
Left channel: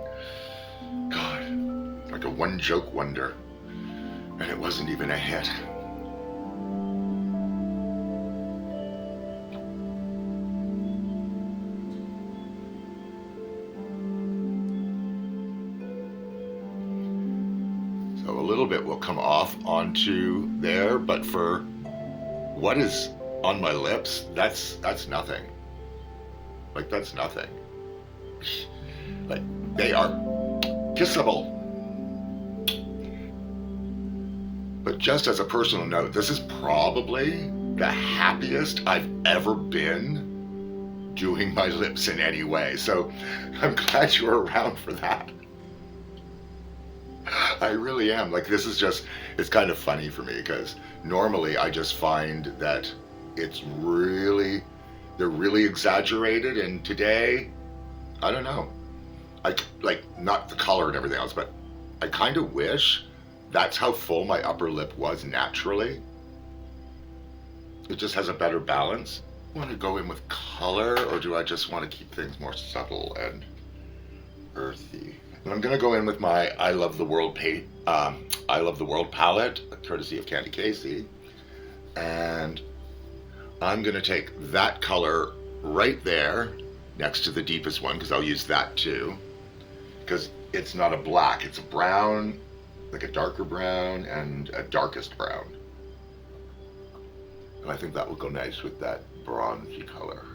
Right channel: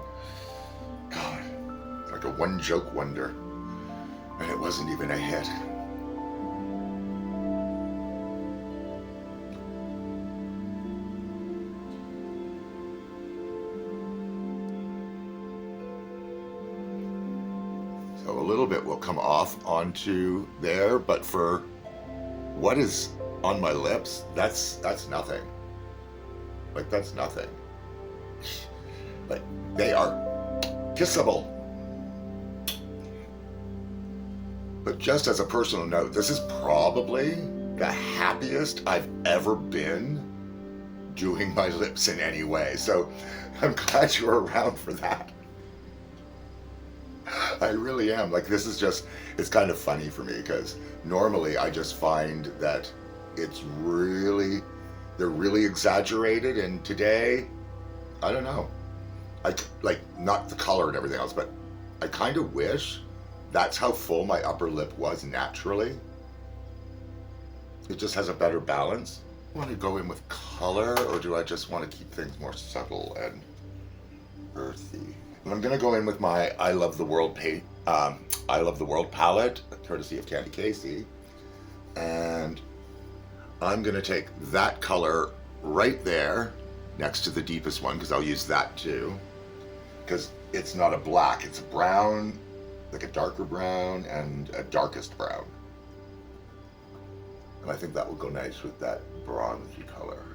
God, like a one joke wonder. And it wasn't even a hit. So a little bit will come off onto there, but for what is on my lips, that's nothing. Like, that's nothing. Like, they are kissable. But just as a personal note, this is probably the happiest I've ever been doing my lips in any way. So I'm glad you were around for that. I really am. Like, this is just, it's kind of funny for me because normally I just find that it's really, they're really exaggerated. And today, I don't know. Like, not the color and everything else, but I kind of wish that's how full my upper lip was naturally. It just has a better balance. Want to go in with color, or do I just want to keep things more subtle and earthy? And I'm gonna go in with my I Love the World palette, courtesy of Candy Casey, and I'm gonna take that color right there next to the deepest one, because I'll use that too, because it's not a black, it's a brown, like a darker brown and a darkest brown. And I think that will go nice with that bronzy color.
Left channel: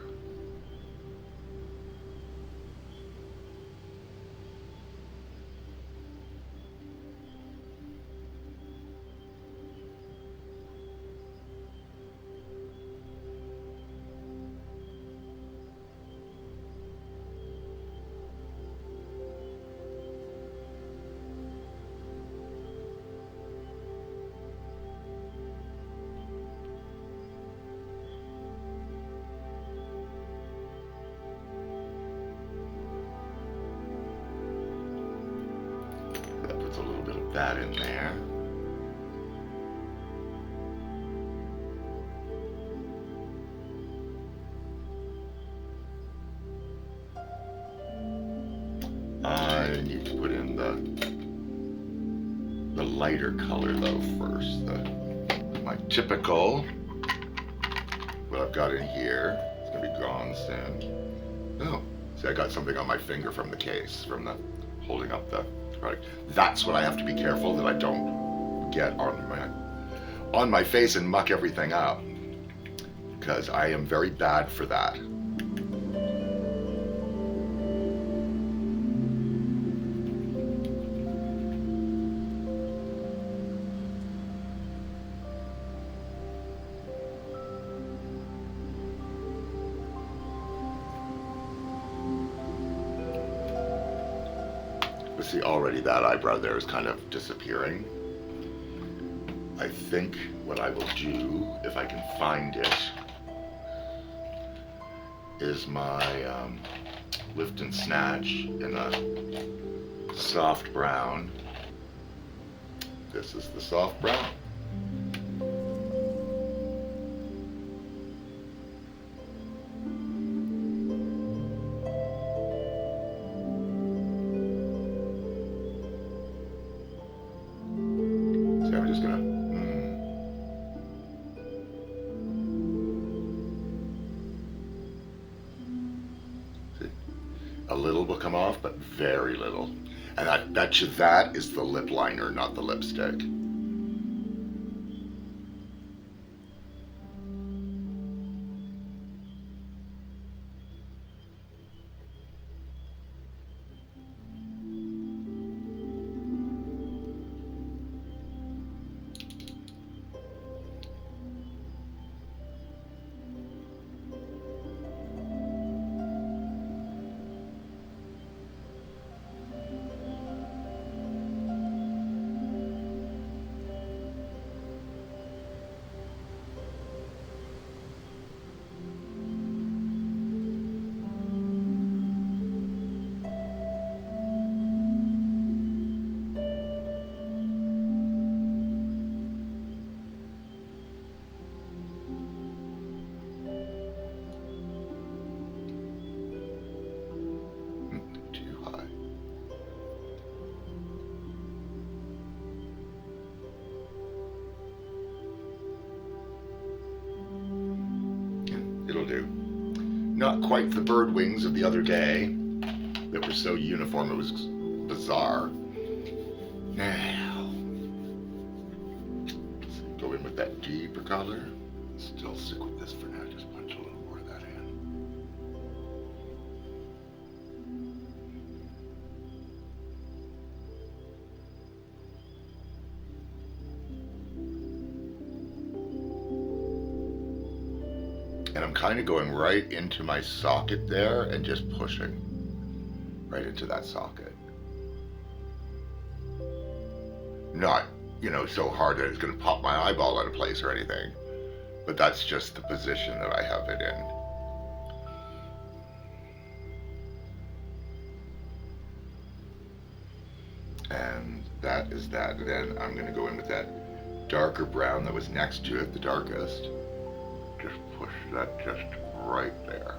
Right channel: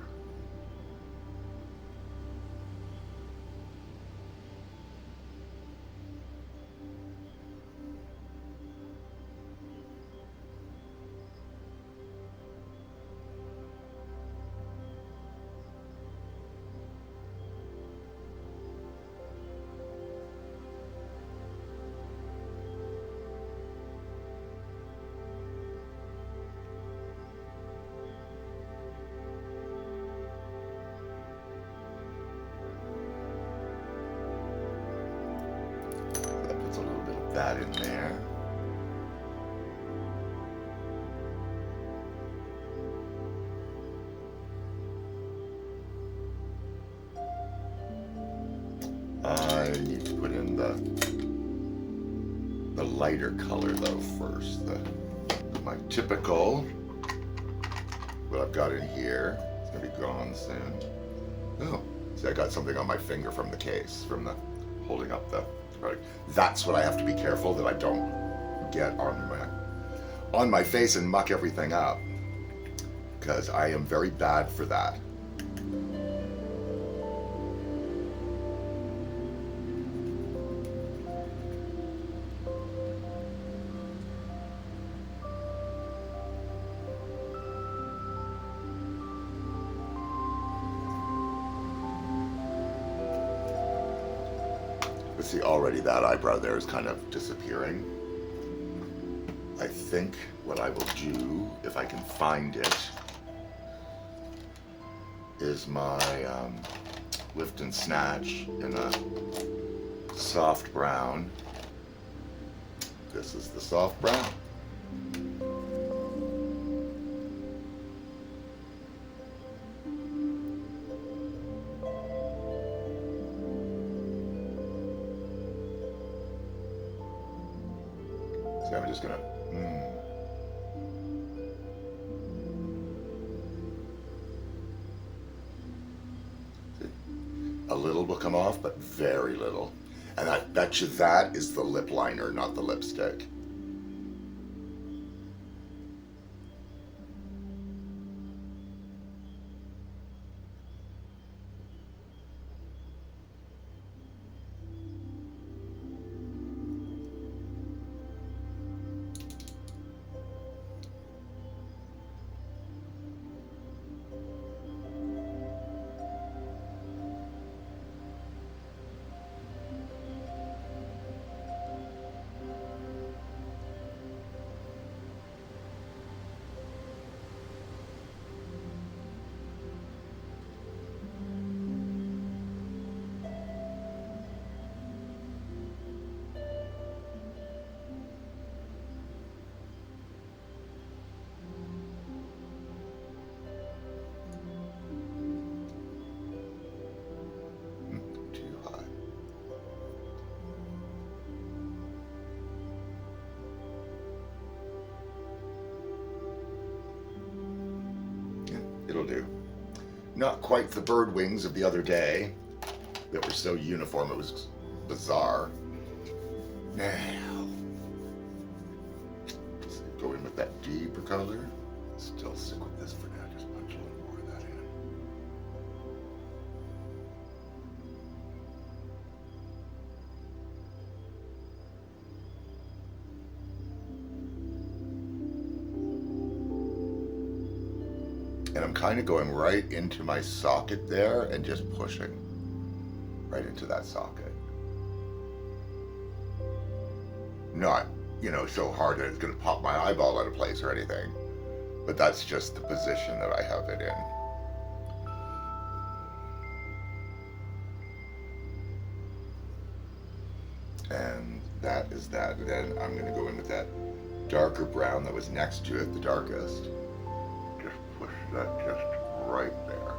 That puts a little bit of that in there. I need to put in the lighter color though first. My typical, what I've got in here, it's gonna be gone soon. Oh, see, I got something on my finger from the case, from the holding up the product. That's what I have to be careful that I don't get on my face and muck everything up, because I am very bad for that. But see, already that eyebrow there is kind of disappearing. I think what I will do, if I can find it, is my lift and snatch in a soft brown. This is the soft brown. So I'm just gonna see, a little will come off, but very little. And I bet you that is the lip liner, not the lipstick. Too high. Yeah, it'll do. Not quite the bird wings of the other day that were so uniform, it was bizarre. Now, Go in with that deeper color. Still stick with this for now, just punch a little more of that in. And I'm kind of going right into my socket there and just pushing right into that socket. Not, so hard that it's going to pop my eyeball out of place or anything, but that's just the position that I have it in. And that is that. And then I'm going to go in with that darker brown that was next to it, the darkest. Just push that just right there.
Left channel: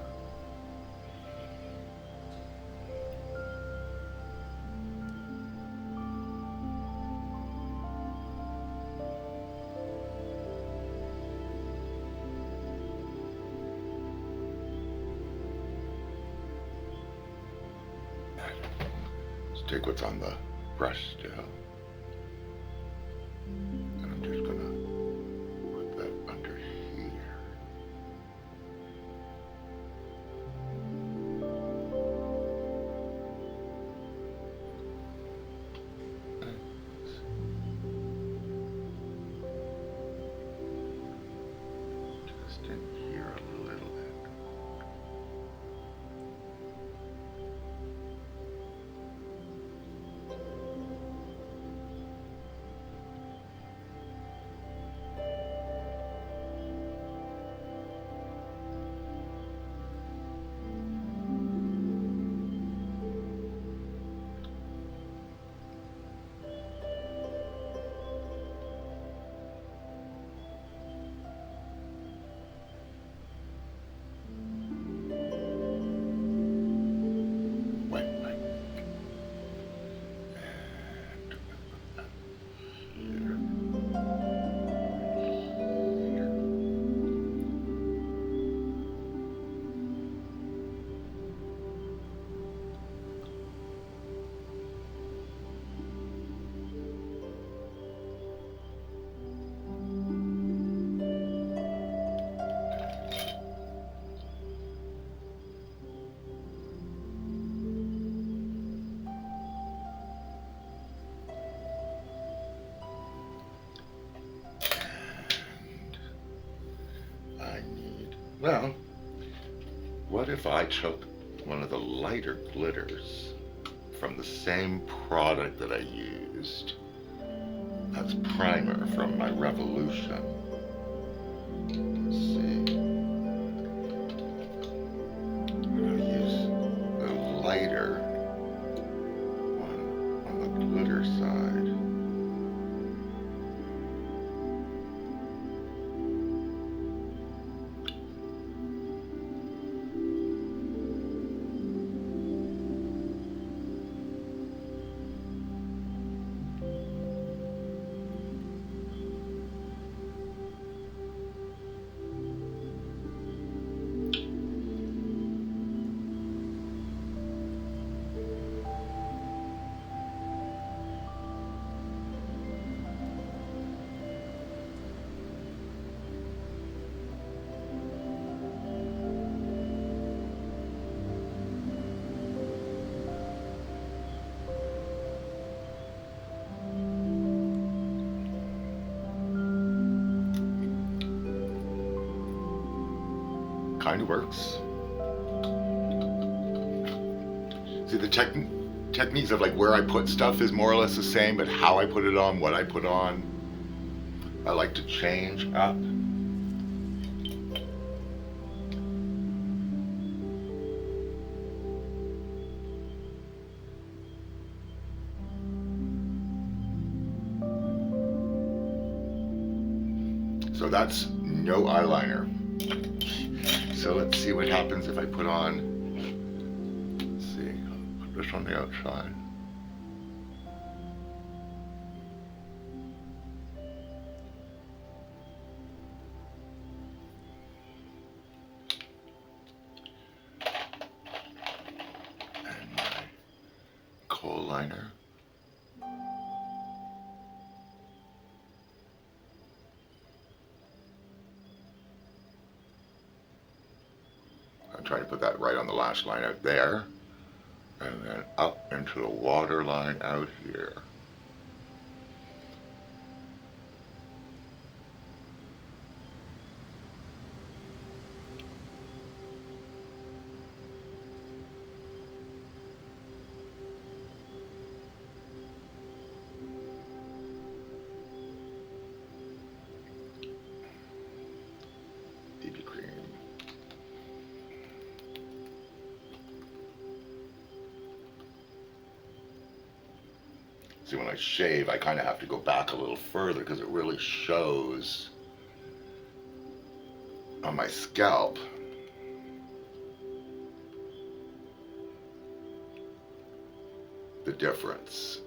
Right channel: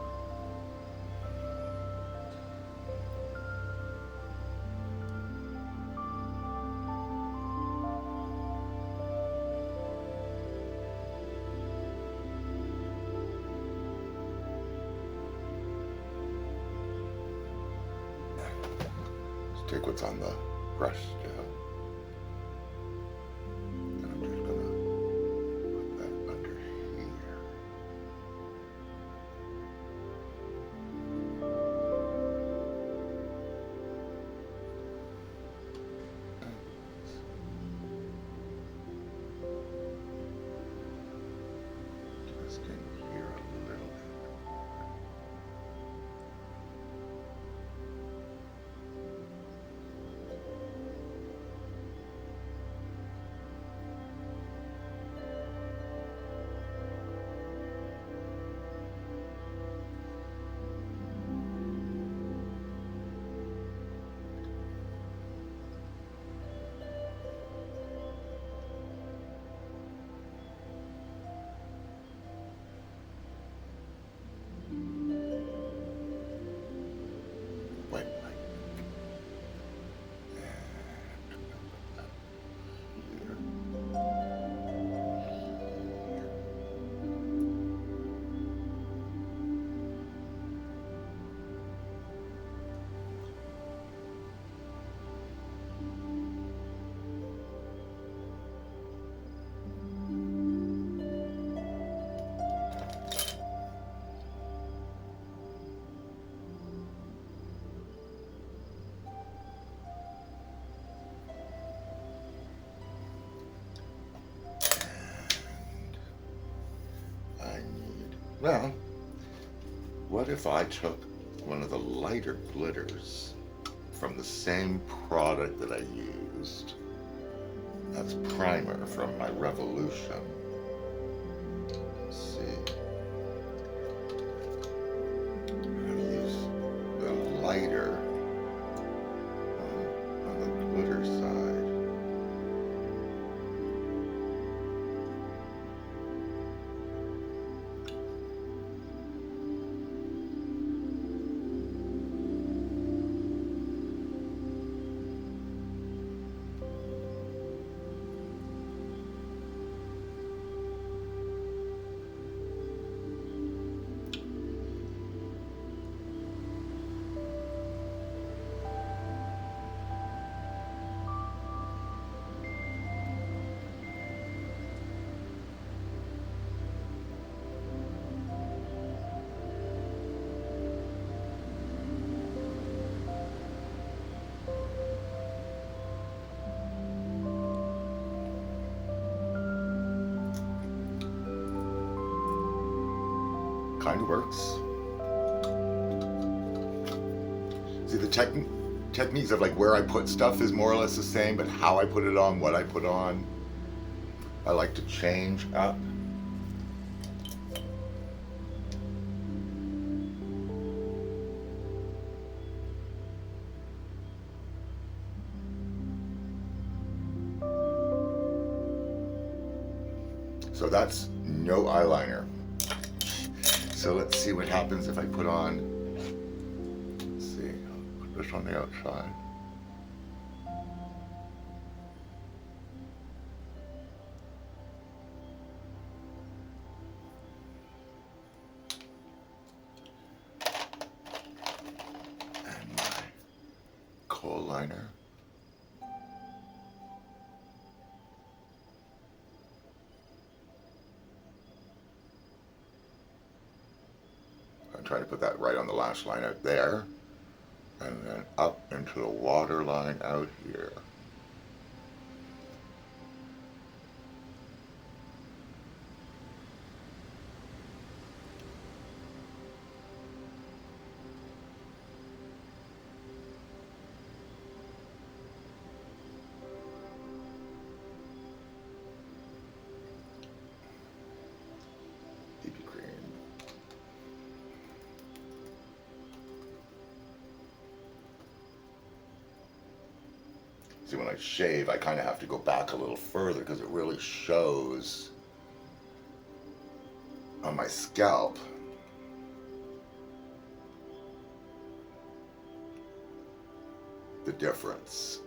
Let's take what's on the brush still. And I'm just going to put that under here. Just in here a little bit. Well, what if I took one of the lighter glitters from the same product that I used as primer from my Revolution? Let's see. I'm going to use the lighter on the glitter side. Kind of works. See, the techniques of like where I put stuff is more or less the same, but how I put it on, what I put on, I like to change up. So that's no eyeliner. So let's see what happens if I put on, let's see, put this on the outside. And my kohl liner. put that right on the lash line out there, and then up into the water line out here. BB cream. See, when I shave, I kind of have to go back a little further because it really shows on my scalp. The difference.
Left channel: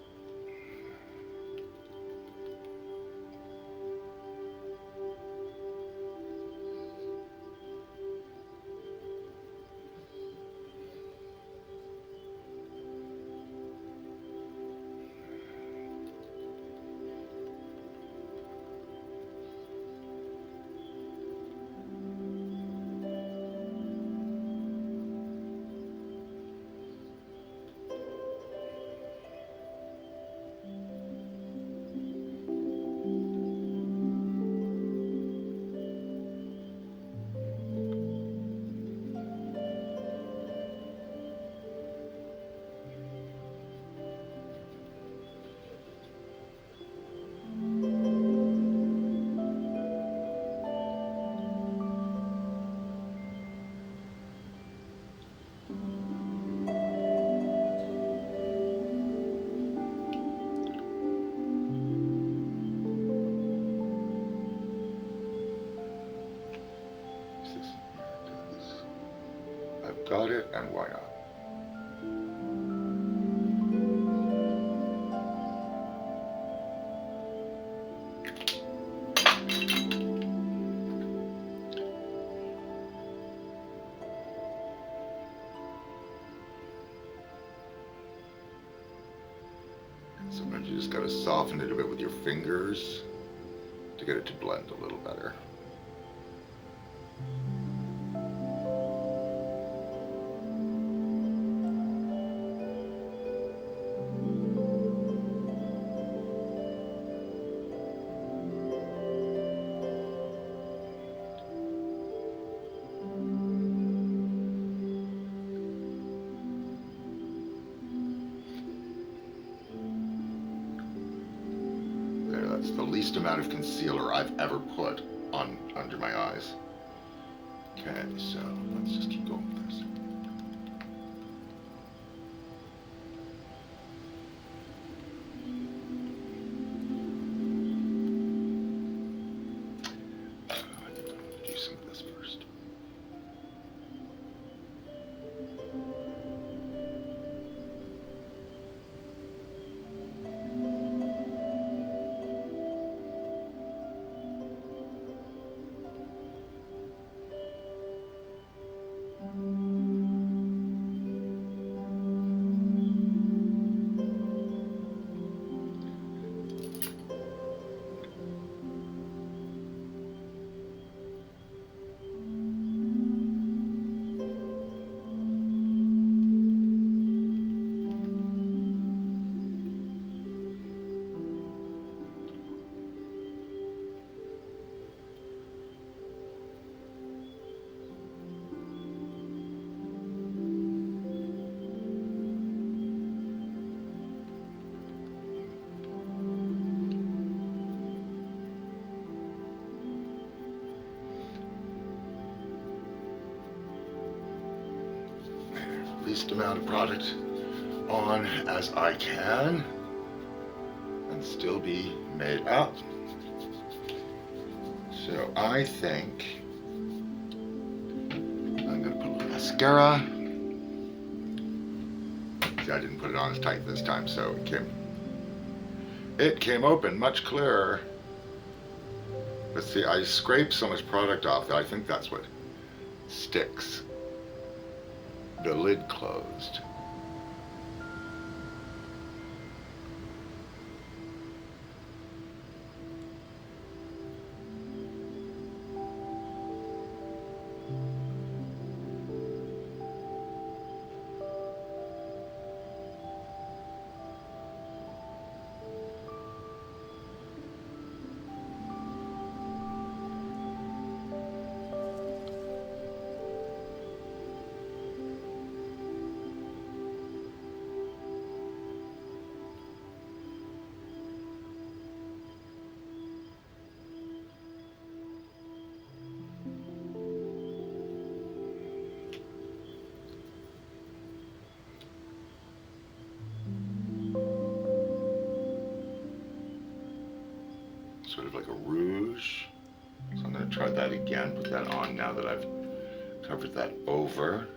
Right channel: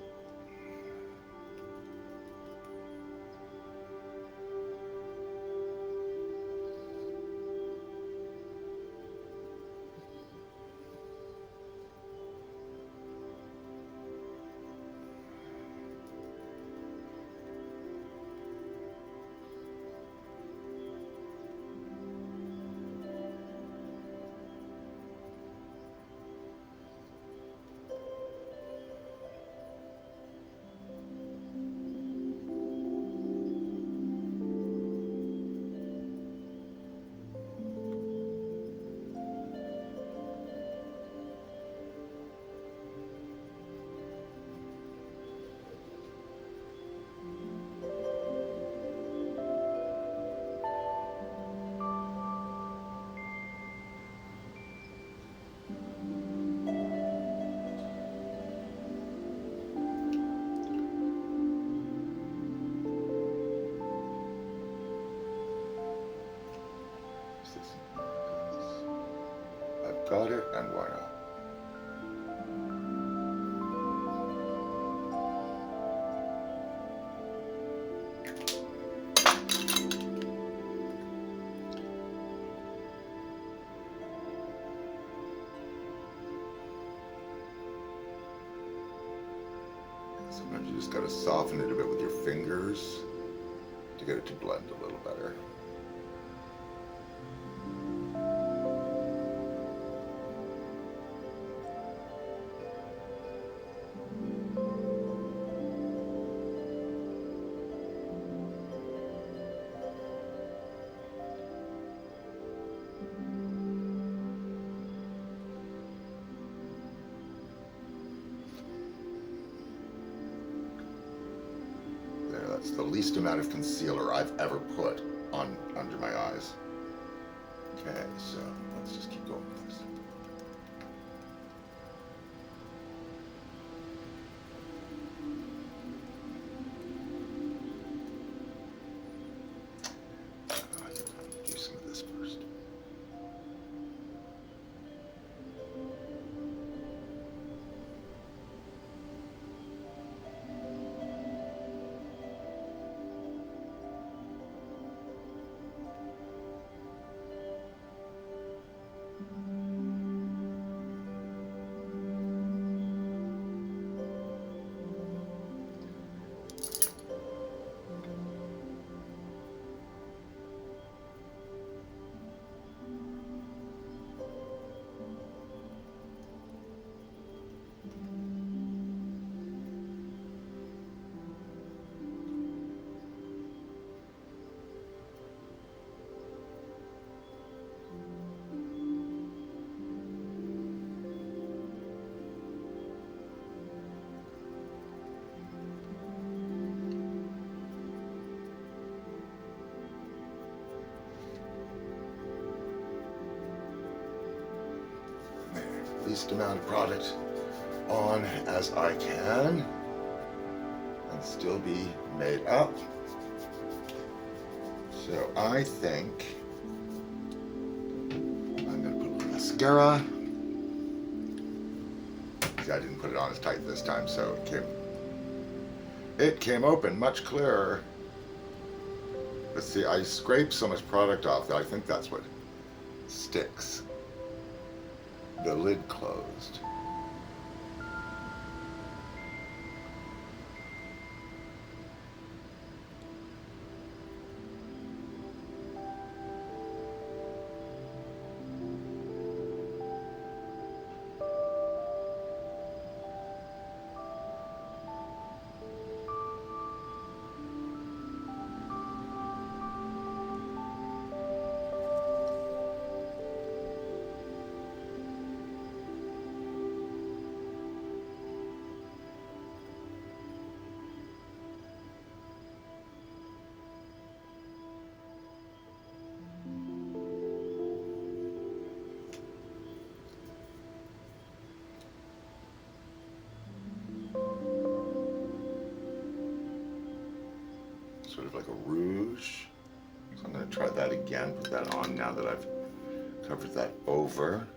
I've got it, and why not? Sometimes you just gotta soften it a bit with your fingers to get it to blend a little better. That's the least amount of concealer I've ever put on under my eyes. Okay, so let's just keep going with this. I think I'm going to do some of this first. Least amount of product on as I can and still be made up. So I think I'm gonna put a little mascara. See, I didn't put it on as tight this time, so it came open much clearer. But see, I scraped so much product off that I think that's what sticks the lid closed. sort of like a rouge. So I'm going to try that again, put that on now that I've covered that over.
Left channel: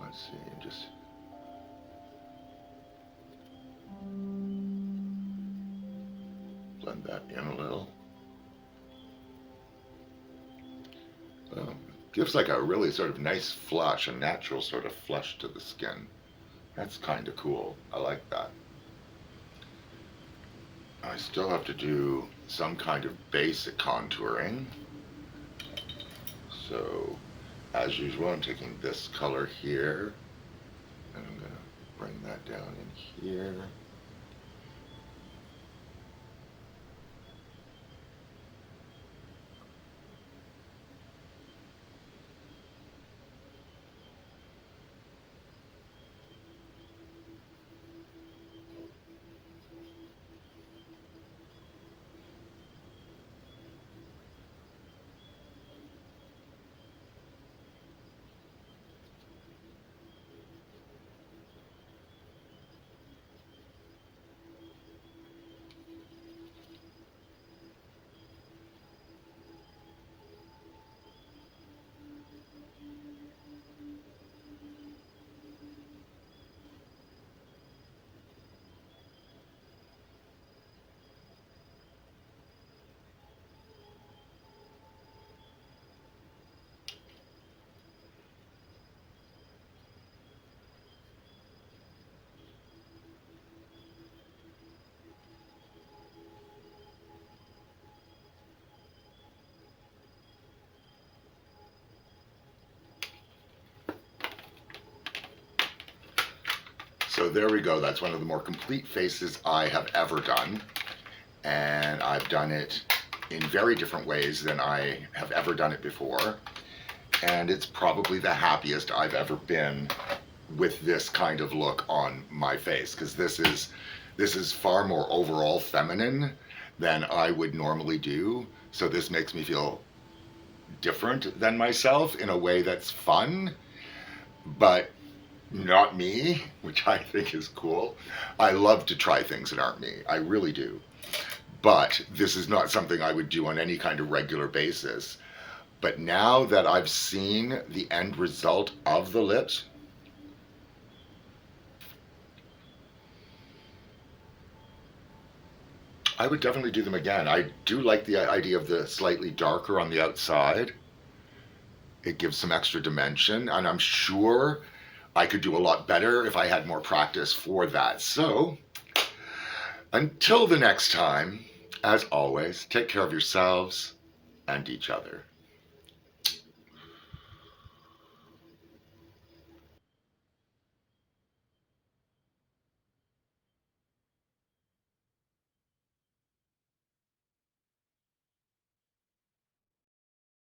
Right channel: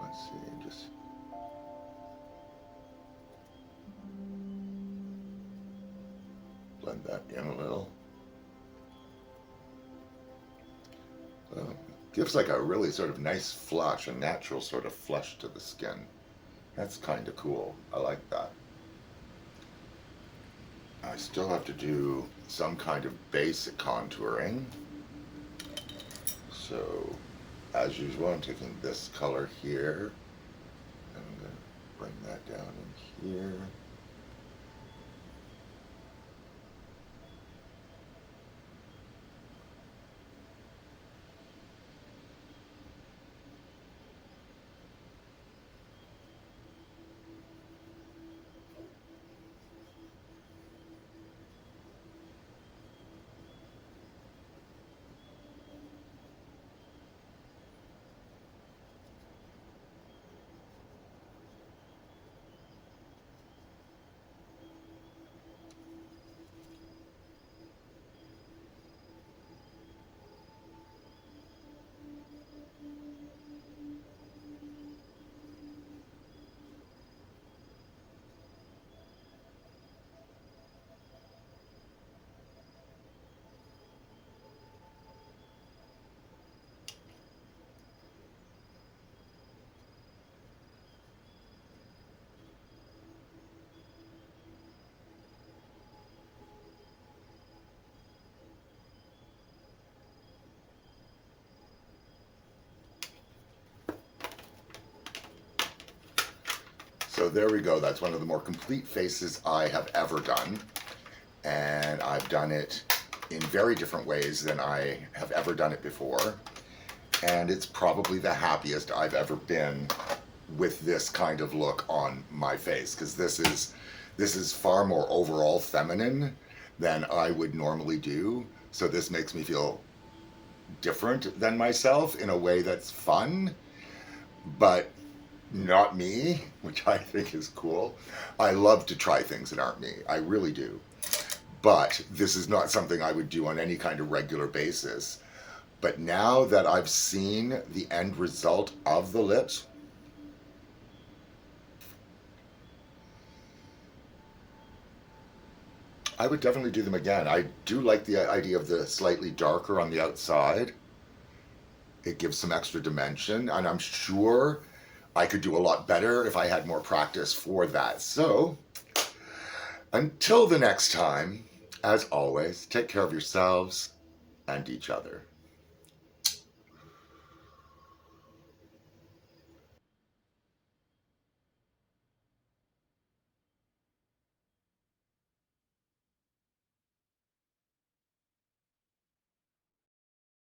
Let's see, just blend that in a little. Gives like a really sort of nice flush, a natural sort of flush to the skin. That's kind of cool. I like that. I still have to do some kind of basic contouring. So, as usual, I'm taking this color here, and I'm going to bring that down in here. So there we go. That's one of the more complete faces I have ever done. And I've done it in very different ways than I have ever done it before. And it's probably the happiest I've ever been with this kind of look on my face, because this is far more overall feminine than I would normally do. So this makes me feel different than myself in a way that's fun, but not me, which I think is cool. I love to try things that aren't me. I really do. But this is not something I would do on any kind of regular basis. But now that I've seen the end result of the lips, I would definitely do them again. I do like the idea of the slightly darker on the outside. It gives some extra dimension, and I'm sure I could do a lot better if I had more practice for that. So, until the next time, as always, take care of yourselves and each other.